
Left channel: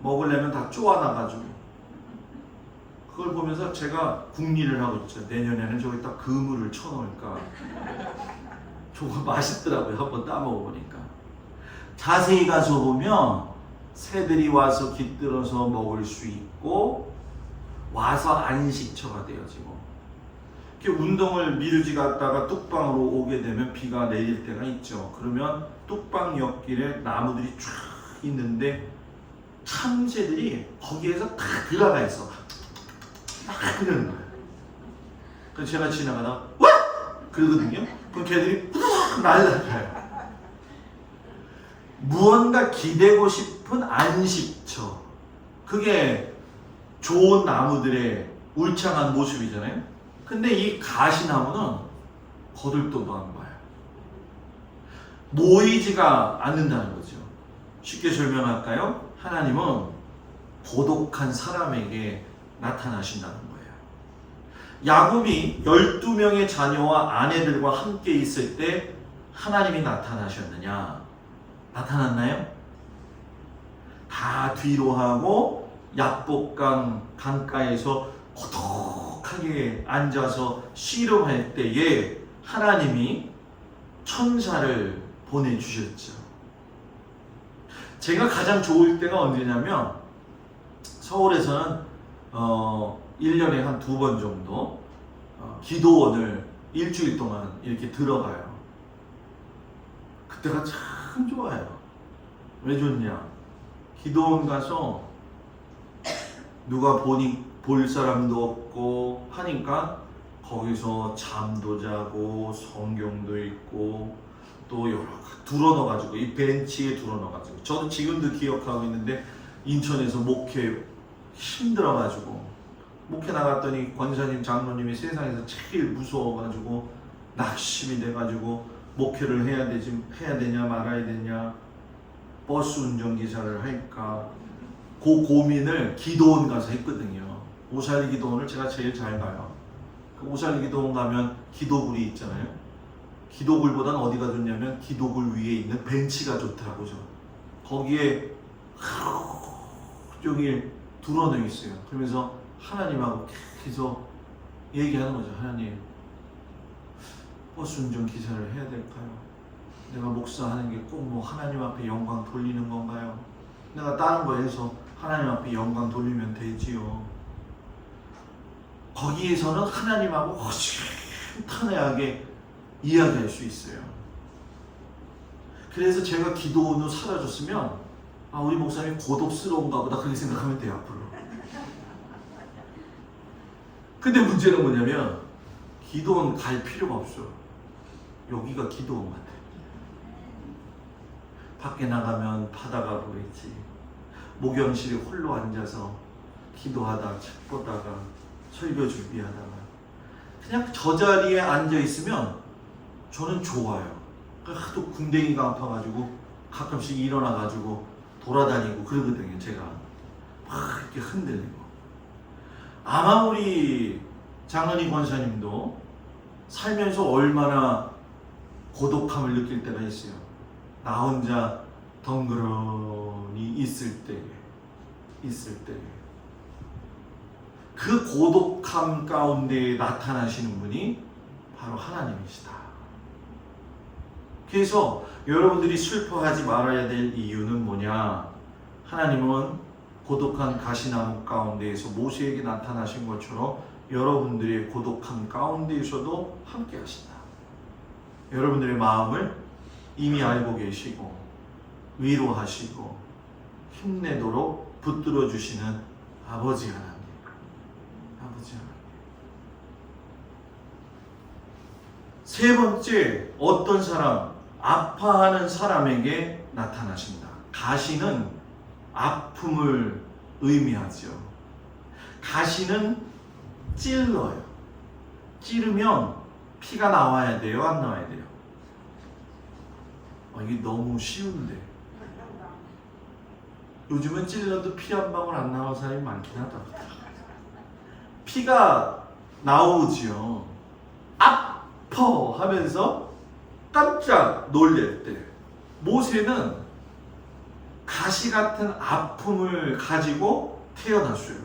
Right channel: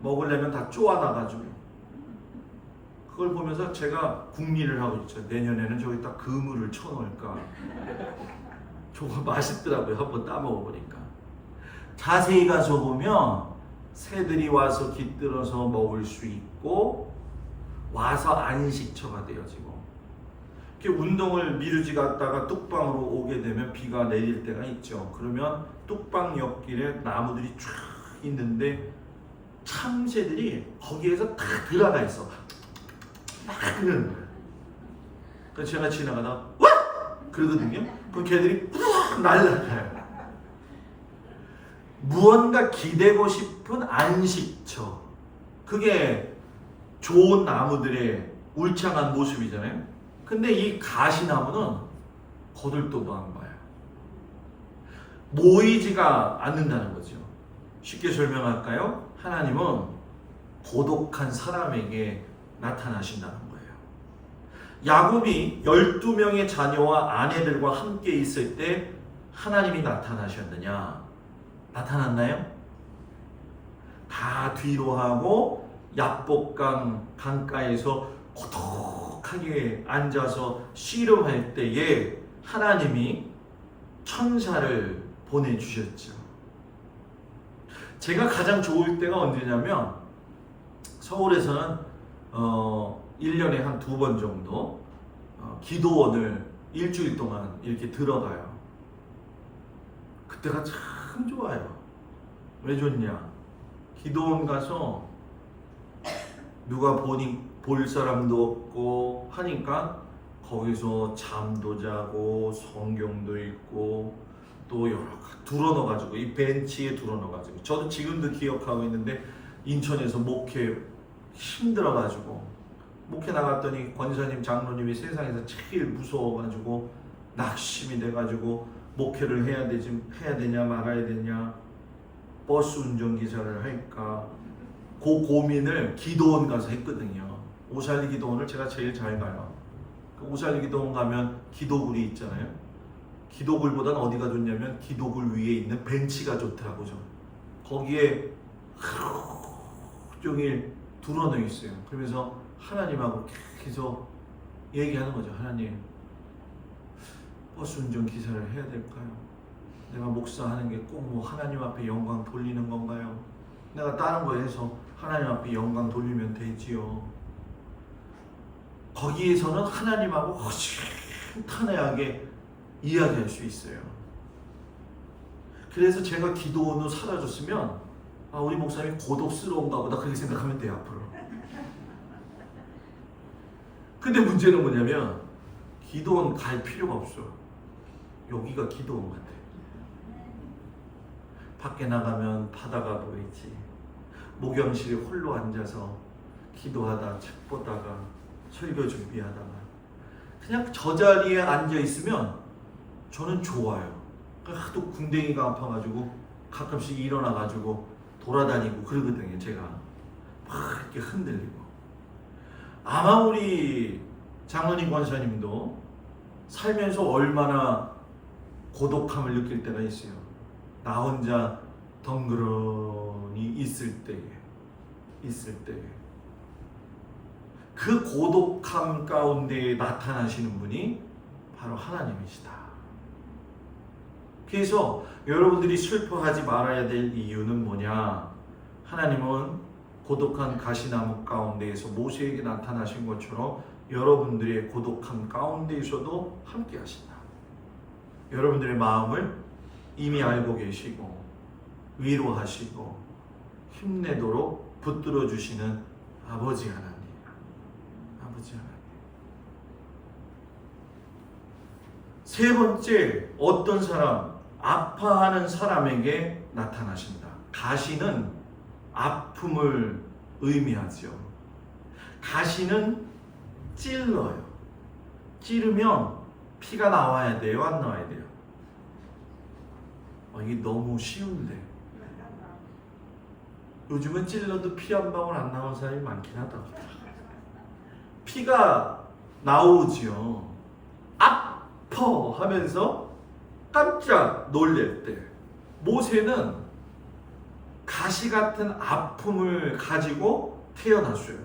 먹으려면 다 쪼아놔가지고. 그걸 보면서 제가 궁리를 하고 있죠. 내년에는 저기다 그물을 쳐놓을까. 저거 맛있더라고요. 한번 따먹어보니까. 자세히 가서 보면 새들이 와서 깃들어서 먹을 수 있고 와서 안식처가 되어지고, 이렇게 운동을 미루지 갔다가 뚝방으로 오게 되면 비가 내릴 때가 있죠. 그러면 뚝방 옆길에 나무들이 쫙 있는데 참새들이 거기에서 다 들어가 있어. 막 그러는 거예요. 그래서 제가 지나가다가 와! 그러거든요. 그럼 걔들이 푸르륵 날라가요. 무언가 기대고 싶은 안식처, 그게 좋은 나무들의 울창한 모습이잖아요. 근데 이 가시나무는 거들떠도 안 봐요. 모이지가 않는다는 거죠. 쉽게 설명할까요? 하나님은 고독한 사람에게 나타나신다는 거예요. 야곱이 12명의 자녀와 아내들과 함께 있을 때 하나님이 나타나셨느냐? 나타났나요? 다 뒤로 하고 야복강 강가에서 고독하게 앉아서 씨름할 때에 하나님이 천사를 보내주셨죠. 제가 가장 좋을 때가 언제냐면 서울에서는 1년에 한 2번 정도 기도원을 일주일 동안 이렇게 들어가요. 그때가 참 좋아요. 왜 좋냐? 기도원 가서 누가 볼 사람도 없고 하니까 거기서 잠도 자고 성경도 읽고 또 여러 둘러넣어가지고 이 벤치에 둘러넣어가지고, 저도 지금도 기억하고 있는데 인천에서 목회 힘들어가지고 목회 나갔더니 권사님 장로님이 세상에서 제일 무서워가지고 낙심이 돼가지고 목회를 해야 되냐 말아야 되냐, 버스 운전기사를 할까, 그 고민을 기도원 가서 했거든요. 오살리 기도원을 제가 제일 잘 가요. 그 오살리 기도원 가면 기도굴이 있잖아요. 기도굴보다는 어디가 좋냐면 기도굴 위에 있는 벤치가 좋더라고요. 거기에 하루 종일 드러누워 있어요. 그러면서 하나님하고 계속 얘기하는 거죠. 하나님, 버스 운전 기사를 해야 될까요? 내가 목사하는 게 꼭 뭐 하나님 앞에 영광 돌리는 건가요? 내가 다른 거 해서 하나님 앞에 영광 돌리면 되지요. 거기에서는 하나님하고 허심탄회하게 이야기할 수 있어요. 그래서 제가 기도원으로 사라졌으면 우리 목사님 고독스러운가 보다 그렇게 생각하면 돼요, 앞으로. 근데 문제는 뭐냐면 기도원 갈 필요가 없어요. 여기가 기도원 같아요. 밖에 나가면 바다가 보이지. 목욕실에 홀로 앉아서 기도하다 책 보다가 설교 준비하다가 그냥 저 자리에 앉아 있으면 저는 좋아요. 하도 궁뎅이가 아파가지고 가끔씩 일어나가지고 돌아다니고 그러거든요. 제가 막 이렇게 흔들리고. 아마 우리 장로님 권사님도 살면서 얼마나 고독함을 느낄 때가 있어요. 나 혼자 덩그러니 있을 때에 그 고독함 가운데 나타나시는 분이 바로 하나님이시다. 그래서 여러분들이 슬퍼하지 말아야 될 이유는 뭐냐? 하나님은 고독한 가시나무 가운데에서 모세에게 나타나신 것처럼 여러분들의 고독함 가운데에서도 함께 하신다. 여러분들의 마음을 이미 알고 계시고 위로하시고 힘내도록 붙들어 주시는 아버지 하나님. 세 번째, 어떤 사람, 아파하는 사람에게 나타나신다. 가시는 아픔을 의미하죠. 가시는 찔러요. 찌르면 피가 나와야 돼요? 안 나와야 돼요? 이게 너무 쉬운데. 요즘은 찔러도 피 한 방울 안 나오는 사람이 많긴 하다. 피가 나오지요. 아파 하면서 깜짝 놀랄 때 모세는 가시 같은 아픔을 가지고 태어났어요.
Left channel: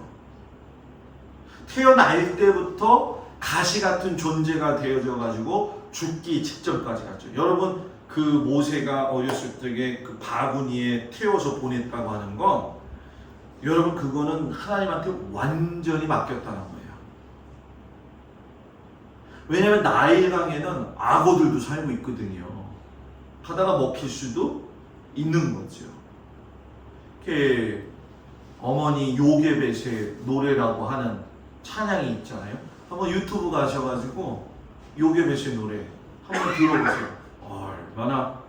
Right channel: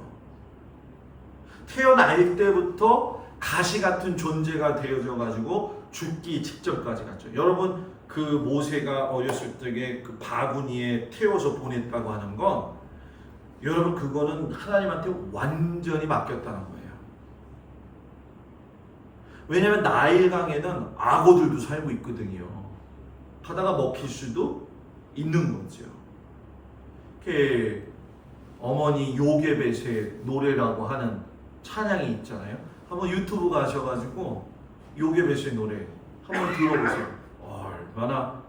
태어날 때부터 가시 같은 존재가 되어져 가지고 죽기 직전까지 갔죠. 여러분, 그 모세가 어렸을 적에 그 바구니에 태워서 보냈다고 하는 건 여러분 그거는 하나님한테 완전히 맡겼다는 거예요. 왜냐하면 나일강에는 악어들도 살고 있거든요. 하다가 먹힐 수도 있는 거죠. 이렇게 어머니 요게벳의 노래라고 하는 찬양이 있잖아요. 한번 유튜브 가셔가지고 요게벳의 노래 한번 들어보세요. 얼마나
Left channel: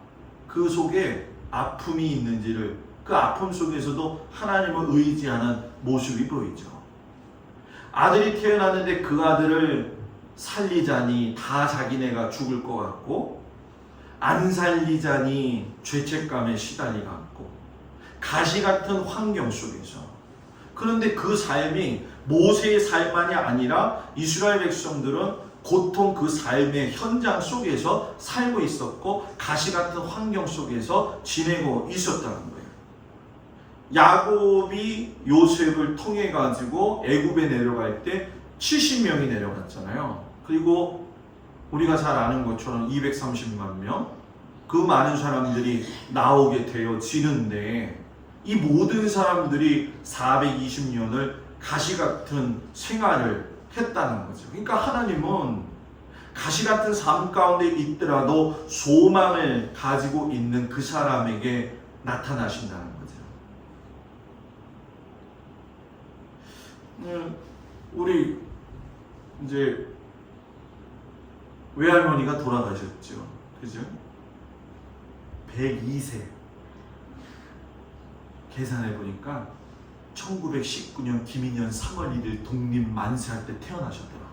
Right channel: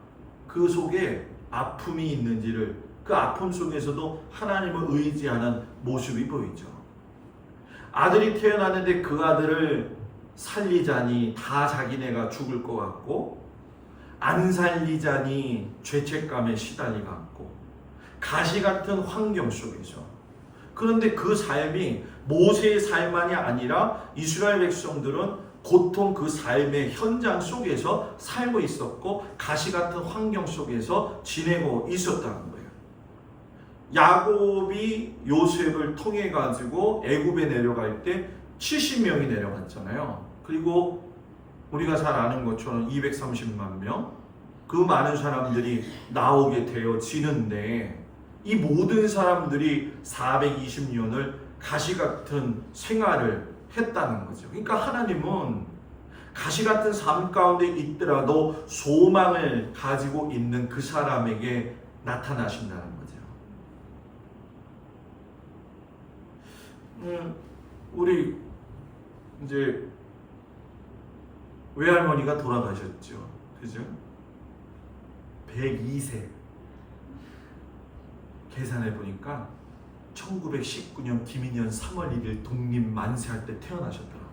그 속에 아픔이 있는지를, 그 아픔 속에서도 하나님을 의지하는 모습이 보이죠. 아들이 태어났는데 그 아들을 살리자니 다 자기네가 죽을 것 같고, 안 살리자니 죄책감에 시달리고, 가시 같은 환경 속에서. 그런데 그 삶이 모세의 삶만이 아니라 이스라엘 백성들은 고통 그 삶의 현장 속에서 살고 있었고 가시 같은 환경 속에서 지내고 있었다는 거예요. 야곱이 요셉을 통해 가지고 애굽에 내려갈 때 70명이 내려갔잖아요. 그리고 우리가 잘 아는 것처럼 230만 명, 그 많은 사람들이 나오게 되어지는데 이 모든 사람들이 420년을 가시 같은 생활을 했다는 거죠. 그러니까 하나님은 가시 같은 삶 가운데 있더라도 소망을 가지고 있는 그 사람에게 나타나신다는 거죠. 우리 이제 외할머니가 돌아가셨죠. 그죠? 102세. 계산해 보니까 1919년 김인년 3월 1일 독립 만세할 때 태어나셨더라고요.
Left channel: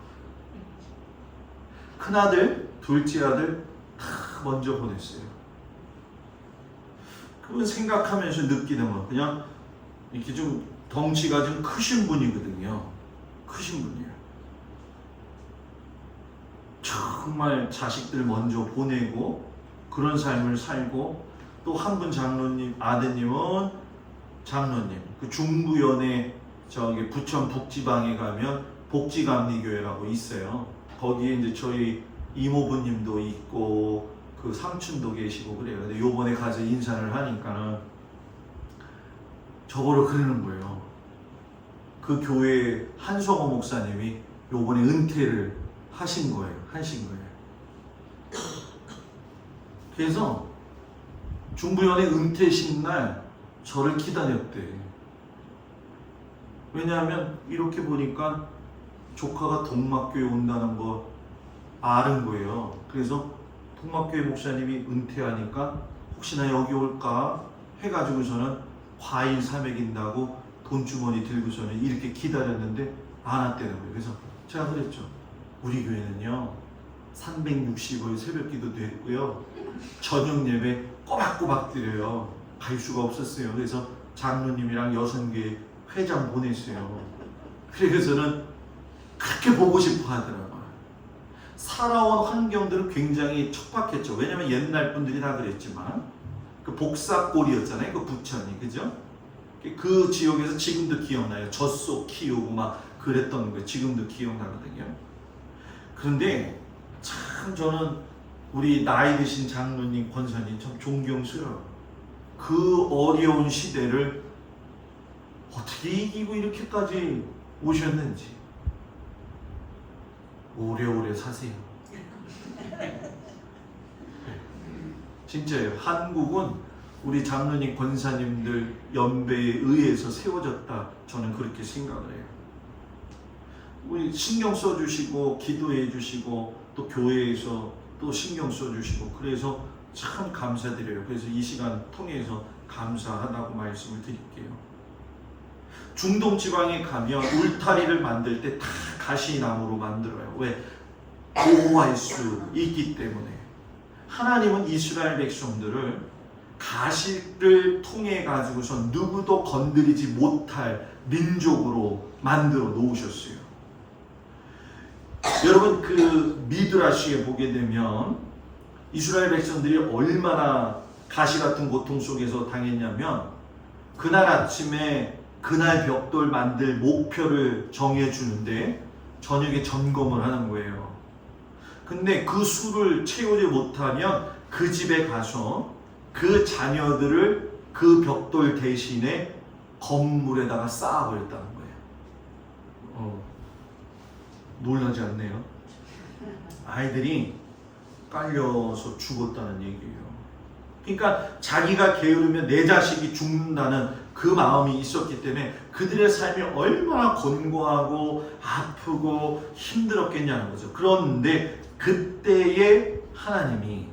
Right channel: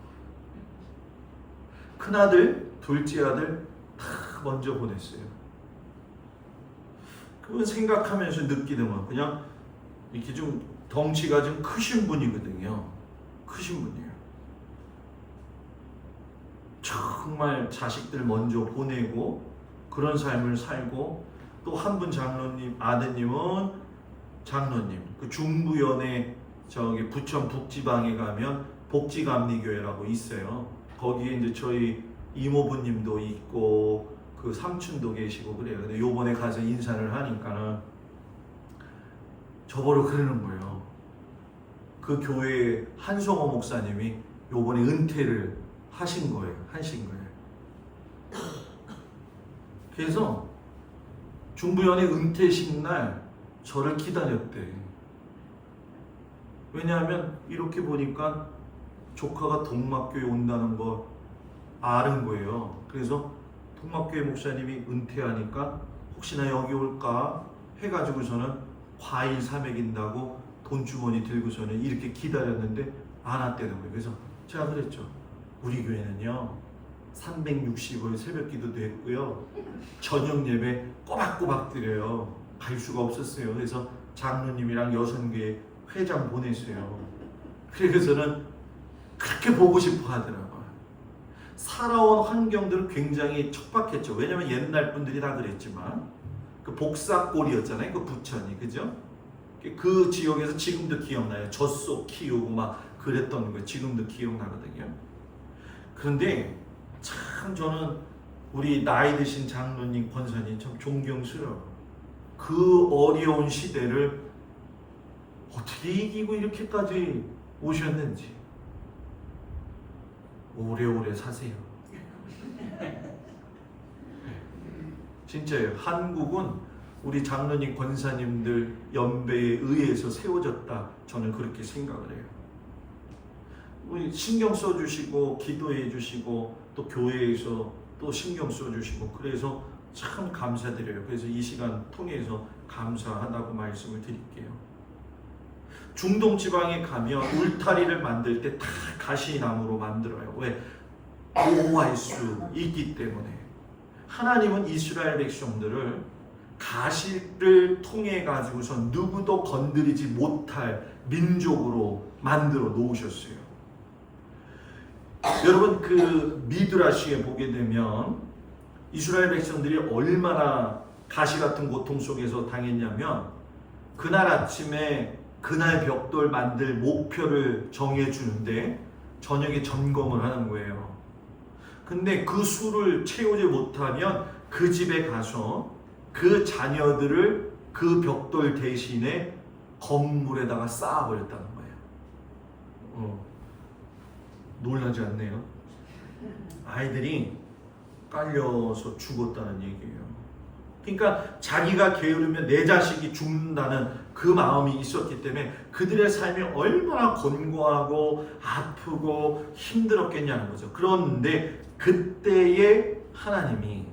큰아들, 둘째 아들 다 먼저 보냈어요. 그건 생각하면서 느끼는 건 그냥 이렇게 좀 덩치가 좀 크신 분이거든요. 크신 분이에요. 정말 자식들 먼저 보내고 그런 삶을 살고, 또 한 분 장로님, 아드님은 장로님, 그 중부연에 저기 부천 북지방에 가면 복지감리교회라고 있어요. 거기에 이제 저희 이모부님도 있고 그 삼촌도 계시고 그래요. 근데 요번에 가서 인사를 하니까는 저보러 그러는 거예요. 그 교회 한성호 목사님이 요번에 은퇴를 하신 거예요. 그래서 중부연의 은퇴식 날 저를 기다렸대. 왜냐하면 이렇게 보니까 조카가 동막교회 온다는 거 아는 거예요. 그래서 동막교회 목사님이 은퇴하니까 혹시나 여기 올까 해가지고서는 과일 사 먹인다고 돈주머니 들고서는 이렇게 기다렸는데 안 왔다는 거예요. 그래서 제가 그랬죠. 우리 교회는요 360일 새벽기도도 했고요 저녁 예배 꼬박꼬박 드려요. 갈 수가 없었어요. 그래서 장로님이랑 여성교회 회장 보냈어요. 그래서는 그렇게 보고 싶어 하더라고요. 살아온 환경들은 굉장히 척박했죠. 왜냐면 옛날 분들이 다 그랬지만 그 복사골이었잖아요. 그 부천이 그죠? 그 지역에서 지금도 기억나요. 젖소 키우고 막 그랬던 거 지금도 기억나거든요. 그런데 참 저는 우리 나이 드신 장로님, 권사님 참 존경스러워. 그 어려운 시대를 어떻게 이기고 이렇게까지 오셨는지 오래오래 사세요. 진짜요. 한국은 우리 장로님, 권사님들 연배에 의해서 세워졌다. 저는 그렇게 생각을 해요. 우리 신경 써주시고 기도해 주시고 또 교회에서 또 신경 써주시고 그래서 참 감사드려요. 그래서 이 시간 통해서 감사하다고 말씀을 드릴게요. 중동 지방에 가면 울타리를 만들 때 다 가시나무로 만들어요. 왜? 보호할 수 있기 때문에. 하나님은 이스라엘 백성들을 가시를 통해 가지고서 누구도 건드리지 못할 민족으로 만들어 놓으셨어요. 여러분 그 미드라시에 보게 되면 이스라엘 백성들이 얼마나 가시 같은 고통 속에서 당했냐면 그날 아침에 그날 벽돌 만들 목표를 정해주는데 저녁에 점검을 하는 거예요. 근데 그 수를 채우지 못하면 그 집에 가서 그 자녀들을 그 벽돌 대신에 건물에다가 쌓아버렸다는 거예요. 놀라지 않네요. 아이들이 깔려서 죽었다는 얘기예요. 그러니까 자기가 게으르면 내 자식이 죽는다는 그 마음이 있었기 때문에 그들의 삶이 얼마나 곤고하고 아프고 힘들었겠냐는 거죠. 그런데 그때의 하나님이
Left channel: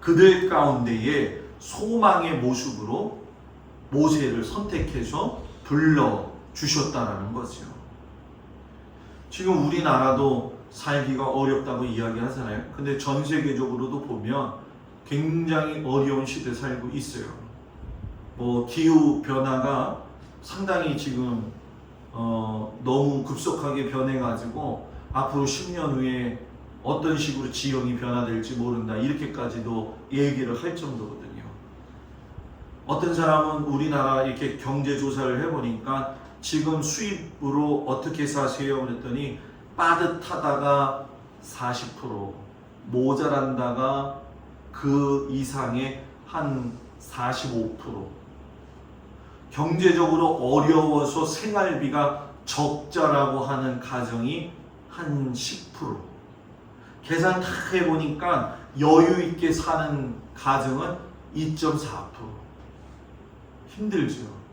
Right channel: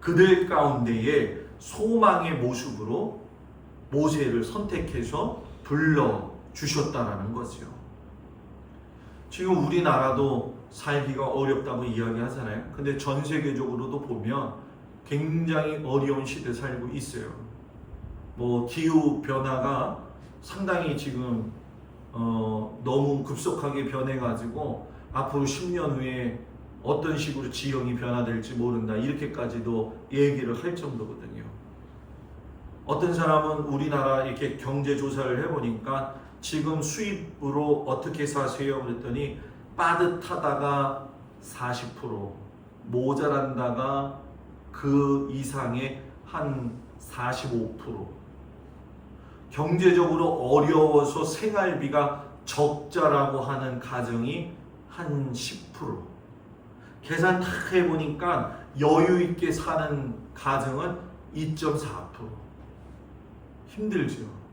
그들 가운데에 소망의 모습으로 모세를 선택해서 불러주셨다는 거죠. 지금 우리나라도 살기가 어렵다고 이야기하잖아요. 근데 전 세계적으로도 보면 굉장히 어려운 시대에 살고 있어요. 뭐 기후 변화가 상당히 지금 너무 급속하게 변해가지고 앞으로 10년 후에 어떤 식으로 지형이 변화될지 모른다 이렇게까지도 얘기를 할 정도거든요. 어떤 사람은 우리나라 이렇게 경제 조사를 해보니까 지금 수입으로 어떻게 사세요? 그랬더니 빠듯하다가 40%, 모자란다가 그 이상의 한 45%, 경제적으로 어려워서 생활비가 적자라고 하는 가정이 한 10%, 계산 다 해보니까 여유 있게 사는 가정은 2.4%. 힘들죠.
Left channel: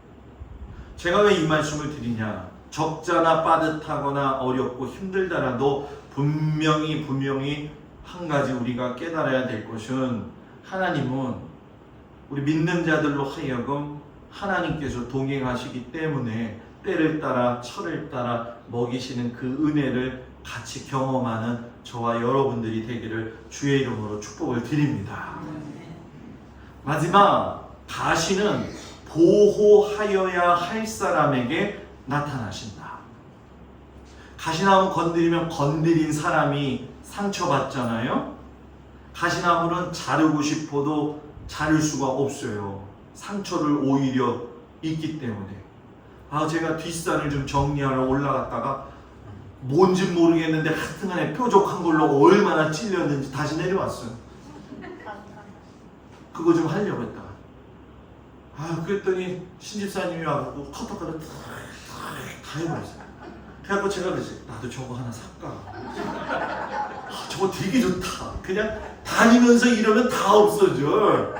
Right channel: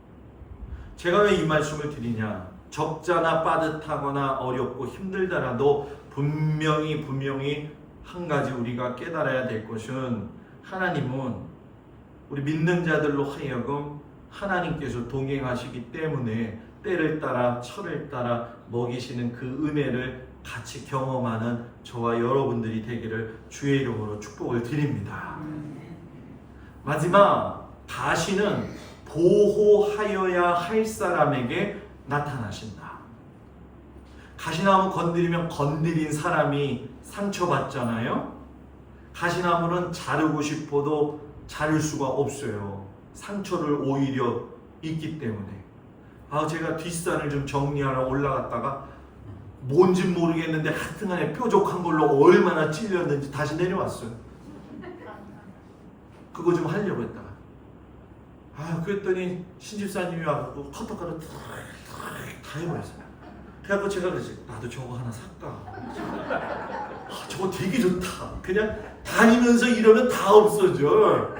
제가 왜 이 말씀을 드리냐? 적자나 빠듯하거나 어렵고 힘들다라도 분명히 한 가지 우리가 깨달아야 될 것은 하나님은 우리 믿는 자들로 하여금 하나님께서 동행하시기 때문에 때를 따라 철을 따라 먹이시는 그 은혜를 같이 경험하는 저와 여러분들이 되기를 주의 이름으로 축복을 드립니다. 마지막 가시는 보호하여야 할 사람에게 나타나신다. 가시나무 건드리면 건드린 사람이 상처받잖아요. 가시나무는 자르고 싶어도 자를 수가 없어요. 상처를 오히려 입기 때문에. 제가 뒷산을 좀 정리하러 올라갔다가 뭔지 모르겠는데 하여튼간에 뾰족한 걸로 얼마나 찔렸는지 다시 내려왔어요. 그거 좀 하려고 했다. 그랬더니 신집사님이 와서 커터칼을 다 해버렸어요. 그래갖고 제가 그랬어요. 나도 저거 하나 살까? 저거 되게 좋다. 그냥 다니면서 이러면 다 없어져.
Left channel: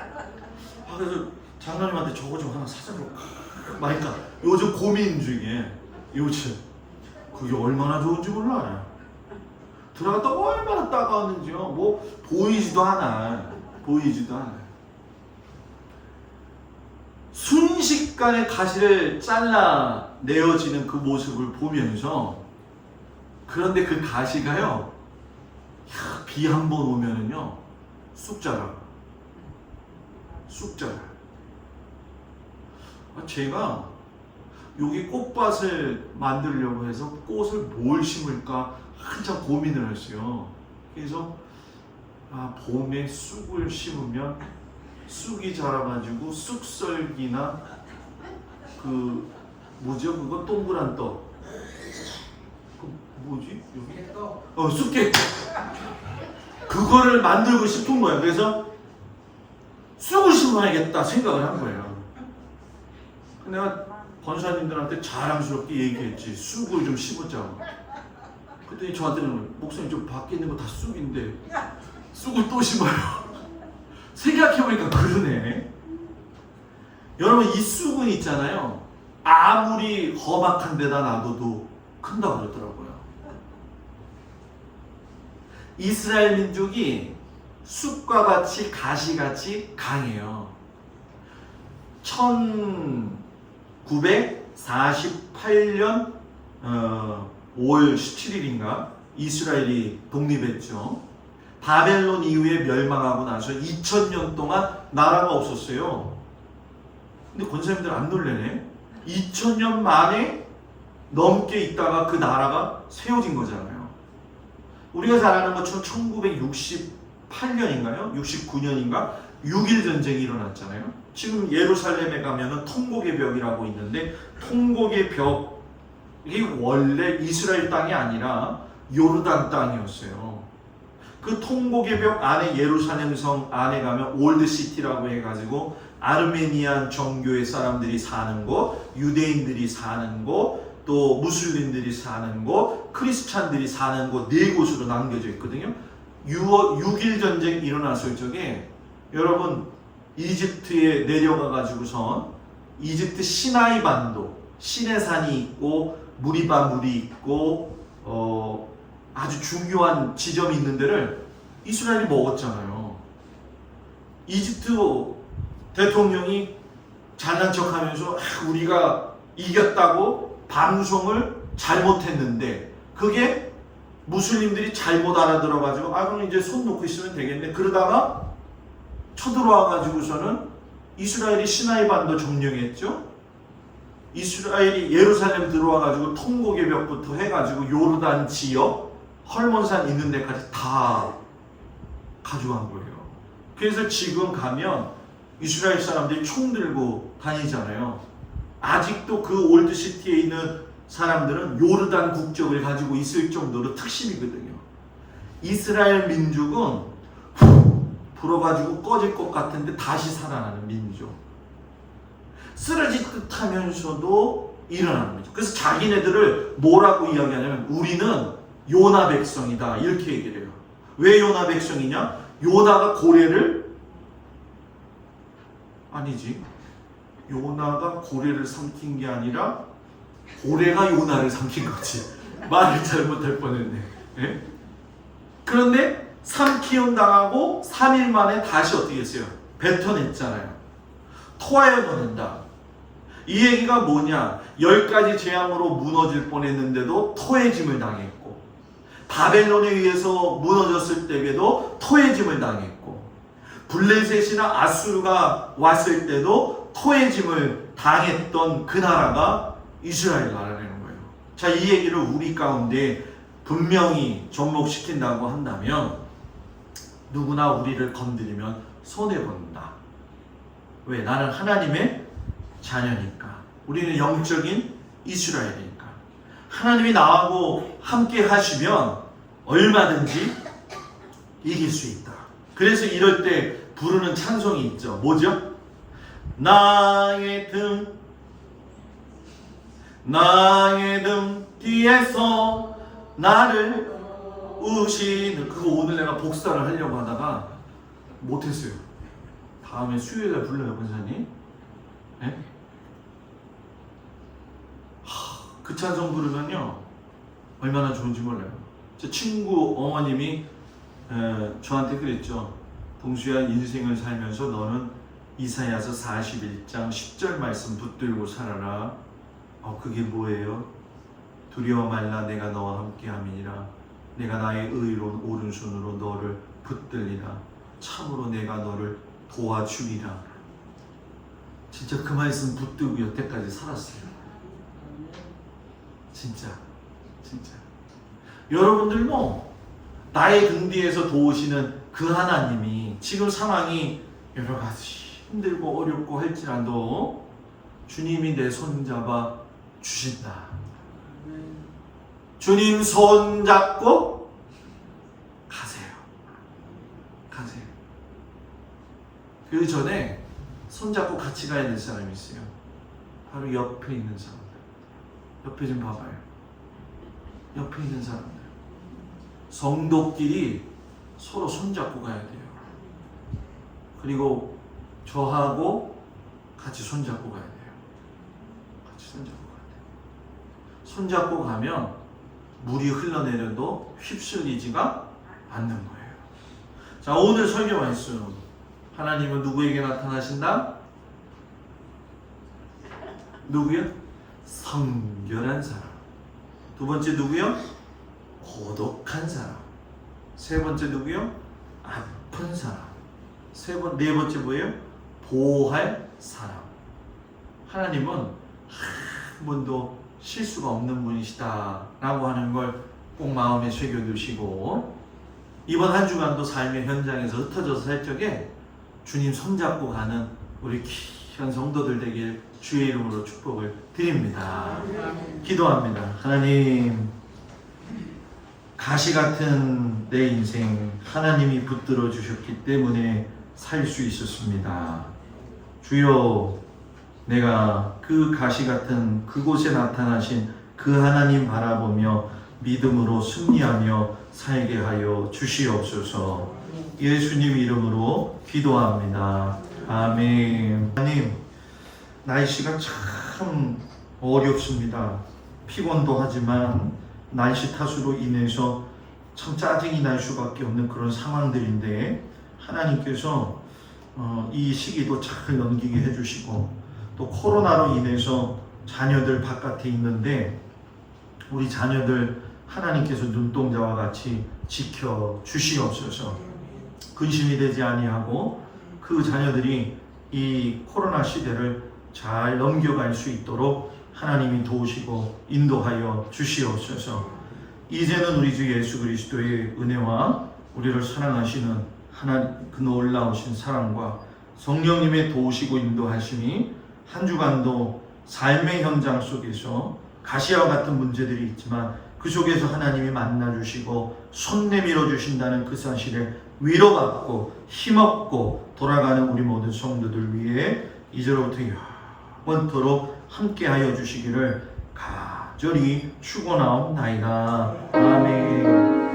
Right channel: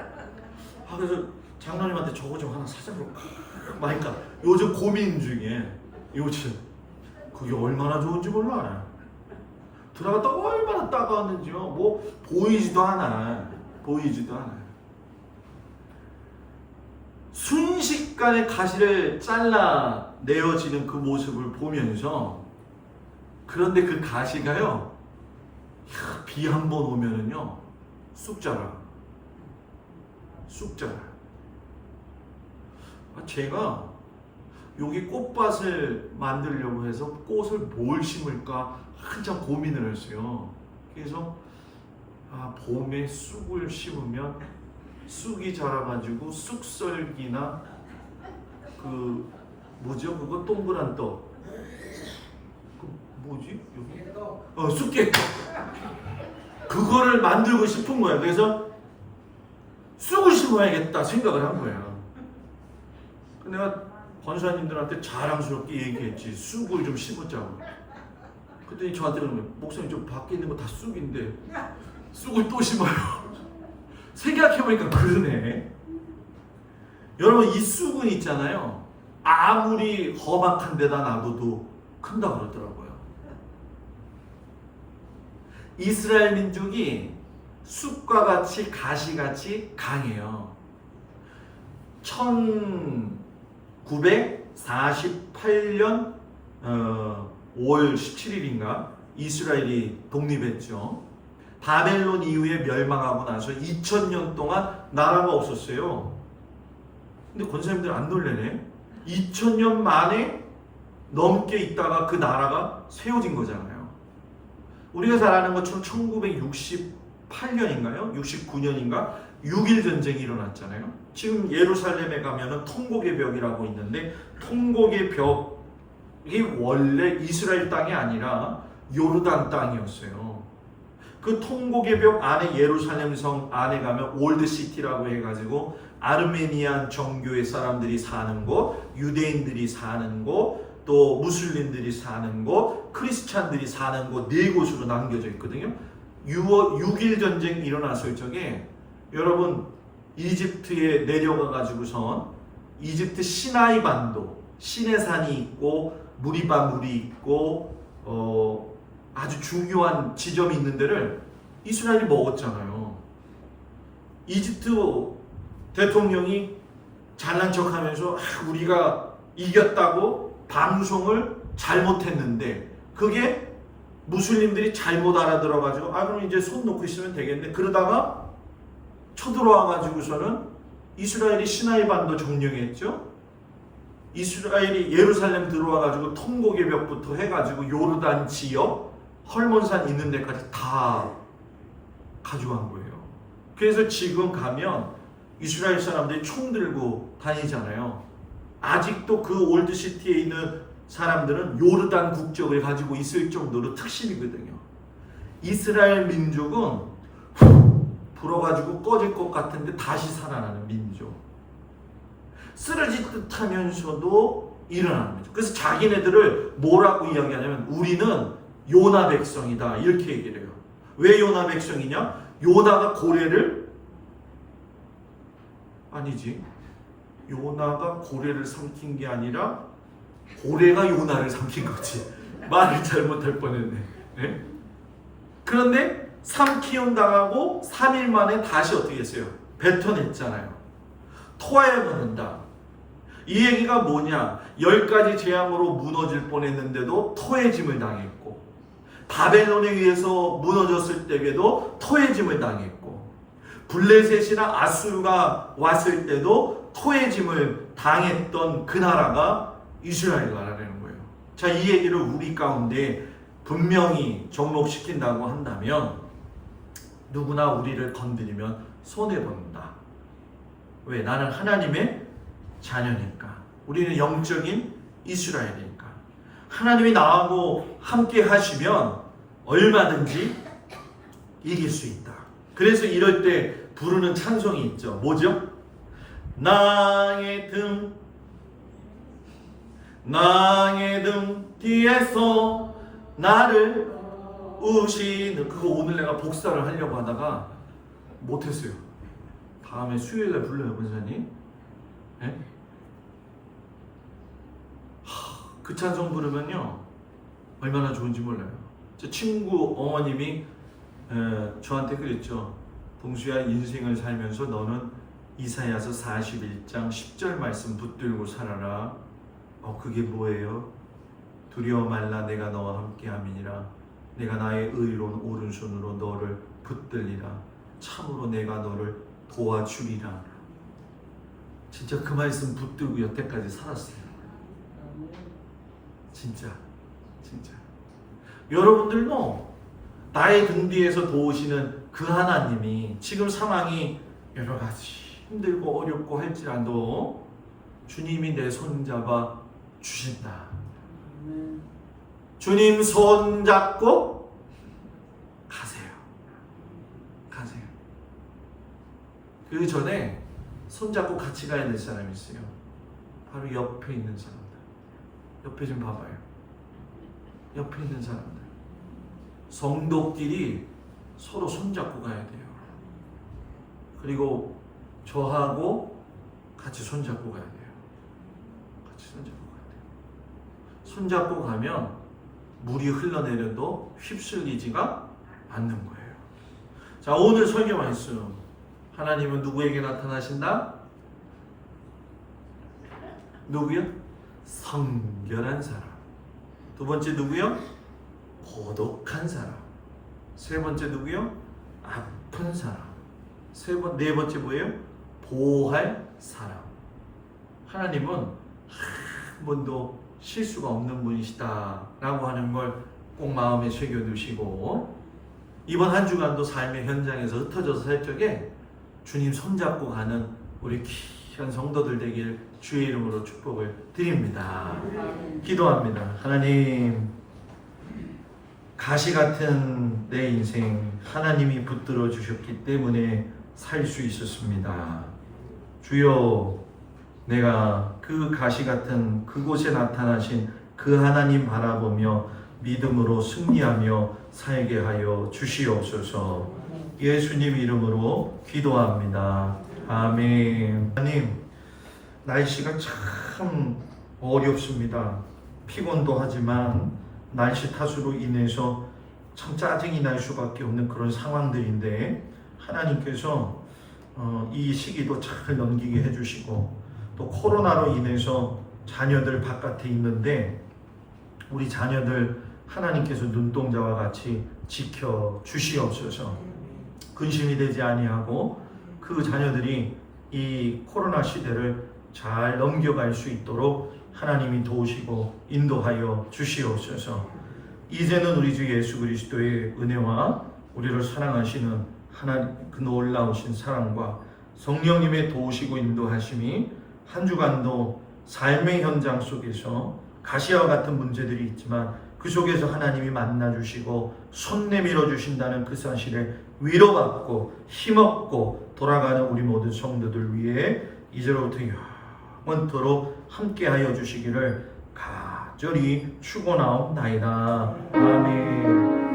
그래서 장로님한테 저거 좀 하나 사자고. 그러니까 요즘 고민 중에 요즘 그게 얼마나 좋은지 몰라. 들어갔다 얼마나 따가웠는지요. 뭐 보이지도 않아. 순식간에 가시를 잘라 내어지는 그 모습을 보면서, 그런데 그 가시가요, 비 한 번 오면은요 쑥 자라. 제가 여기 꽃밭을 만들려고 해서 꽃을 뭘 심을까 한참 고민을 했어요. 그래서 봄에 쑥을 심으면 쑥이 자라가지고 쑥썰기나 그 뭐죠? 그거 동그란 떡. 뭐지? 여기? 쑥깨. 그거를 만들고 싶은 거예요. 그래서 쑥을 심어야겠다 생각을 한 거예요. 내가 권사님들한테 자랑스럽게 얘기했지. 쑥을 좀 심었자고. 그랬더니 저한테는 목사님 좀 밖에 있는 거 다 쑥인데 쑥을 또 심어요. 생각해보니까 그러네. 여러분, 이 쑥은 있잖아요, 아무리 험악한 데다 놔둬도 큰다고 그러더라고요. 이스라엘 민족이 쑥과 같이 가시같이 강해요. 1948년 5월 17일인가 이스라엘이 독립했죠. 바벨론 이후에 멸망하고 나서 2000년 동안 나라가 없었어요. 근데 권사님들 안 놀래네. 2000년 만에 넘게 있다가 그 나라가 세워진 거잖아요. 우리가 잘 아는 것처럼 1968년인가요? 69년인가? 6.1 전쟁이 일어났잖아요. 지금 예루살렘에 가면은 통곡의 벽이라고 있는데, 통곡의 벽이 원래 이스라엘 땅이 아니라 요르단 땅이었어요. 그 통곡의 벽 안에, 예루살렘 성 안에 가면 올드시티라고 해가지고 아르메니안 정교의 사람들이 사는 곳, 유대인들이 사는 곳, 또 무슬림들이 사는 곳, 크리스찬들이 사는 곳, 네 곳으로 남겨져 있거든요. 6.1 전쟁 일어났을 적에 여러분, 이집트에 내려가가지고선 이집트 시나이 반도, 시내산이 있고 무리바물이 있고 아주 중요한 지점이 있는 데를 이스라엘이 먹었잖아요. 이집트 대통령이 잘난 척하면서 우리가 이겼다고 방송을 잘못했는데, 그게 무슬림들이 잘못 알아들어가지고 그럼 이제 손 놓고 있으면 되겠네. 그러다가 쳐들어와가지고서는 이스라엘이 시나이 반도 점령했죠. 이스라엘이 예루살렘 들어와가지고 통곡의 벽부터 해가지고 요르단 지역, 헐몬산 있는 데까지 다 가져간 거예요. 그래서 지금 가면 이스라엘 사람들이 총 들고 다니잖아요. 아직도 그 올드시티에 있는 사람들은 요르단 국적을 가지고 있을 정도로 특심이거든요. 이스라엘 민족은 불어가지고 꺼질 것 같은데 다시 살아나는 민족. 쓰러질 듯 하면서도 일어나는 거죠. 그래서 자기네들을 뭐라고 이야기하냐면 우리는 요나 백성이다, 이렇게 얘기를 해요. 왜 요나 백성이냐? 요나가 고래를, 아니지, 요나가 고래를 삼킨 게 아니라 고래가 요나를 삼킨 거지. 말을 잘못할 뻔했네. 네? 그런데 삼키운 당하고 3일 만에 다시 어떻게 했어요? 뱉어냈잖아요. 토하여 놓는다. 이 얘기가 뭐냐? 10가지 재앙으로 무너질 뻔했는데도 토해짐을 당했고, 바벨론에 의해서 무너졌을 때에도 토해짐을 당했고, 블레셋이나 아수르가 왔을 때도 토해짐을 당했던 그 나라가 이스라엘 나라라는 거예요. 자, 이 얘기를 우리 가운데 분명히 접목시킨다고 한다면 누구나 우리를 건드리면 손해본다. 왜? 나는 하나님의 자녀니까. 우리는 영적인 이스라엘이니까. 하나님이 나하고 함께 하시면 얼마든지 이길 수 있다. 그래서 이럴 때 부르는 찬송이 있죠. 뭐죠? 나의 등 뒤에서 나를 우시는, 그거 오늘 내가 복사를 하려고 하다가 못했어요. 다음에 수요일에 불러요, 권사님. 네? 그 찬송 부르면요 얼마나 좋은지 몰라요. 제 친구 어머님이 저한테 그랬죠. 동수야, 인생을 살면서 너는 이사야서 41장 10절 말씀 붙들고 살아라. 그게 뭐예요? 두려워 말라, 내가 너와 함께함이니라. 내가 나의 의로운 오른손으로 너를 붙들리라. 참으로 내가 너를 도와주리라. 진짜 그 말씀 붙들고 여태까지 살았어요. 진짜. 여러분들도 나의 등 뒤에서 도우시는 그 하나님이 지금 상황이 여러 가지 힘들고 어렵고 할지라도 주님이 내 손잡아 주신다. 주님 손잡고 가세요. 그 전에 손잡고 같이 가야 될 사람이 있어요. 바로 옆에 있는 사람. 옆에 좀 봐봐요. 옆에 있는 사람. 성도끼리 서로 손잡고 가야 돼요. 그리고 저하고 같이 손잡고 가야 돼요. 손잡고 가면 물이 흘러내려도 휩쓸리지가 않는 거예요. 자, 오늘 설교 말씀. 하나님은 누구에게 나타나신다? 누구요? 성결한 사람. 두 번째 누구요? 고독한 사람. 세 번째 누구요? 아픈 사람. 네 번째 뭐예요? 보호할 사람. 하나님은 한 번도 실수가 없는 분이시다 라고 하는 걸 꼭 마음에 새겨두시고, 이번 한 주간도 삶의 현장에서 흩어져서 살 적에 주님 손잡고 가는 우리 귀한 성도들 되길 주의 이름으로 축복을 드립니다. 기도합니다. 하나님, 가시 같은 내 인생 하나님이 붙들어 주셨기 때문에 살 수 있었습니다. 주여, 내가 그 가시 같은 그곳에 나타나신 그 하나님 바라보며 믿음으로 승리하며 살게 하여 주시옵소서. 예수님 이름으로 기도합니다. 아멘. 하나님, 날씨가 참 어렵습니다. 피곤도 하지만 날씨 탓으로 인해서 참 짜증이 날 수밖에 없는 그런 상황들인데, 하나님께서 이 시기도 잘 넘기게 해주시고, 또 코로나로 인해서 자녀들 바깥에 있는데 우리 자녀들 하나님께서 눈동자와 같이 지켜 주시옵소서. 근심이 되지 아니하고 그 자녀들이 이 코로나 시대를 잘 넘겨갈 수 있도록 하나님이 도우시고 인도하여 주시옵소서. 이제는 우리 주 예수 그리스도의 은혜와 우리를 사랑하시는 하나님 그 놀라우신 사랑과 성령님의 도우시고 인도하심이 한 주간도 삶의 현장 속에서 가시와 같은 문제들이 있지만 그 속에서 하나님이 만나주시고 손 내밀어 주신다는 그 사실에 위로받고 힘없고 돌아가는 우리 모든 성도들 위해 이제로부터 영원토록 함께하여 주시기를 간절히 축원하옵나이다. 아멘.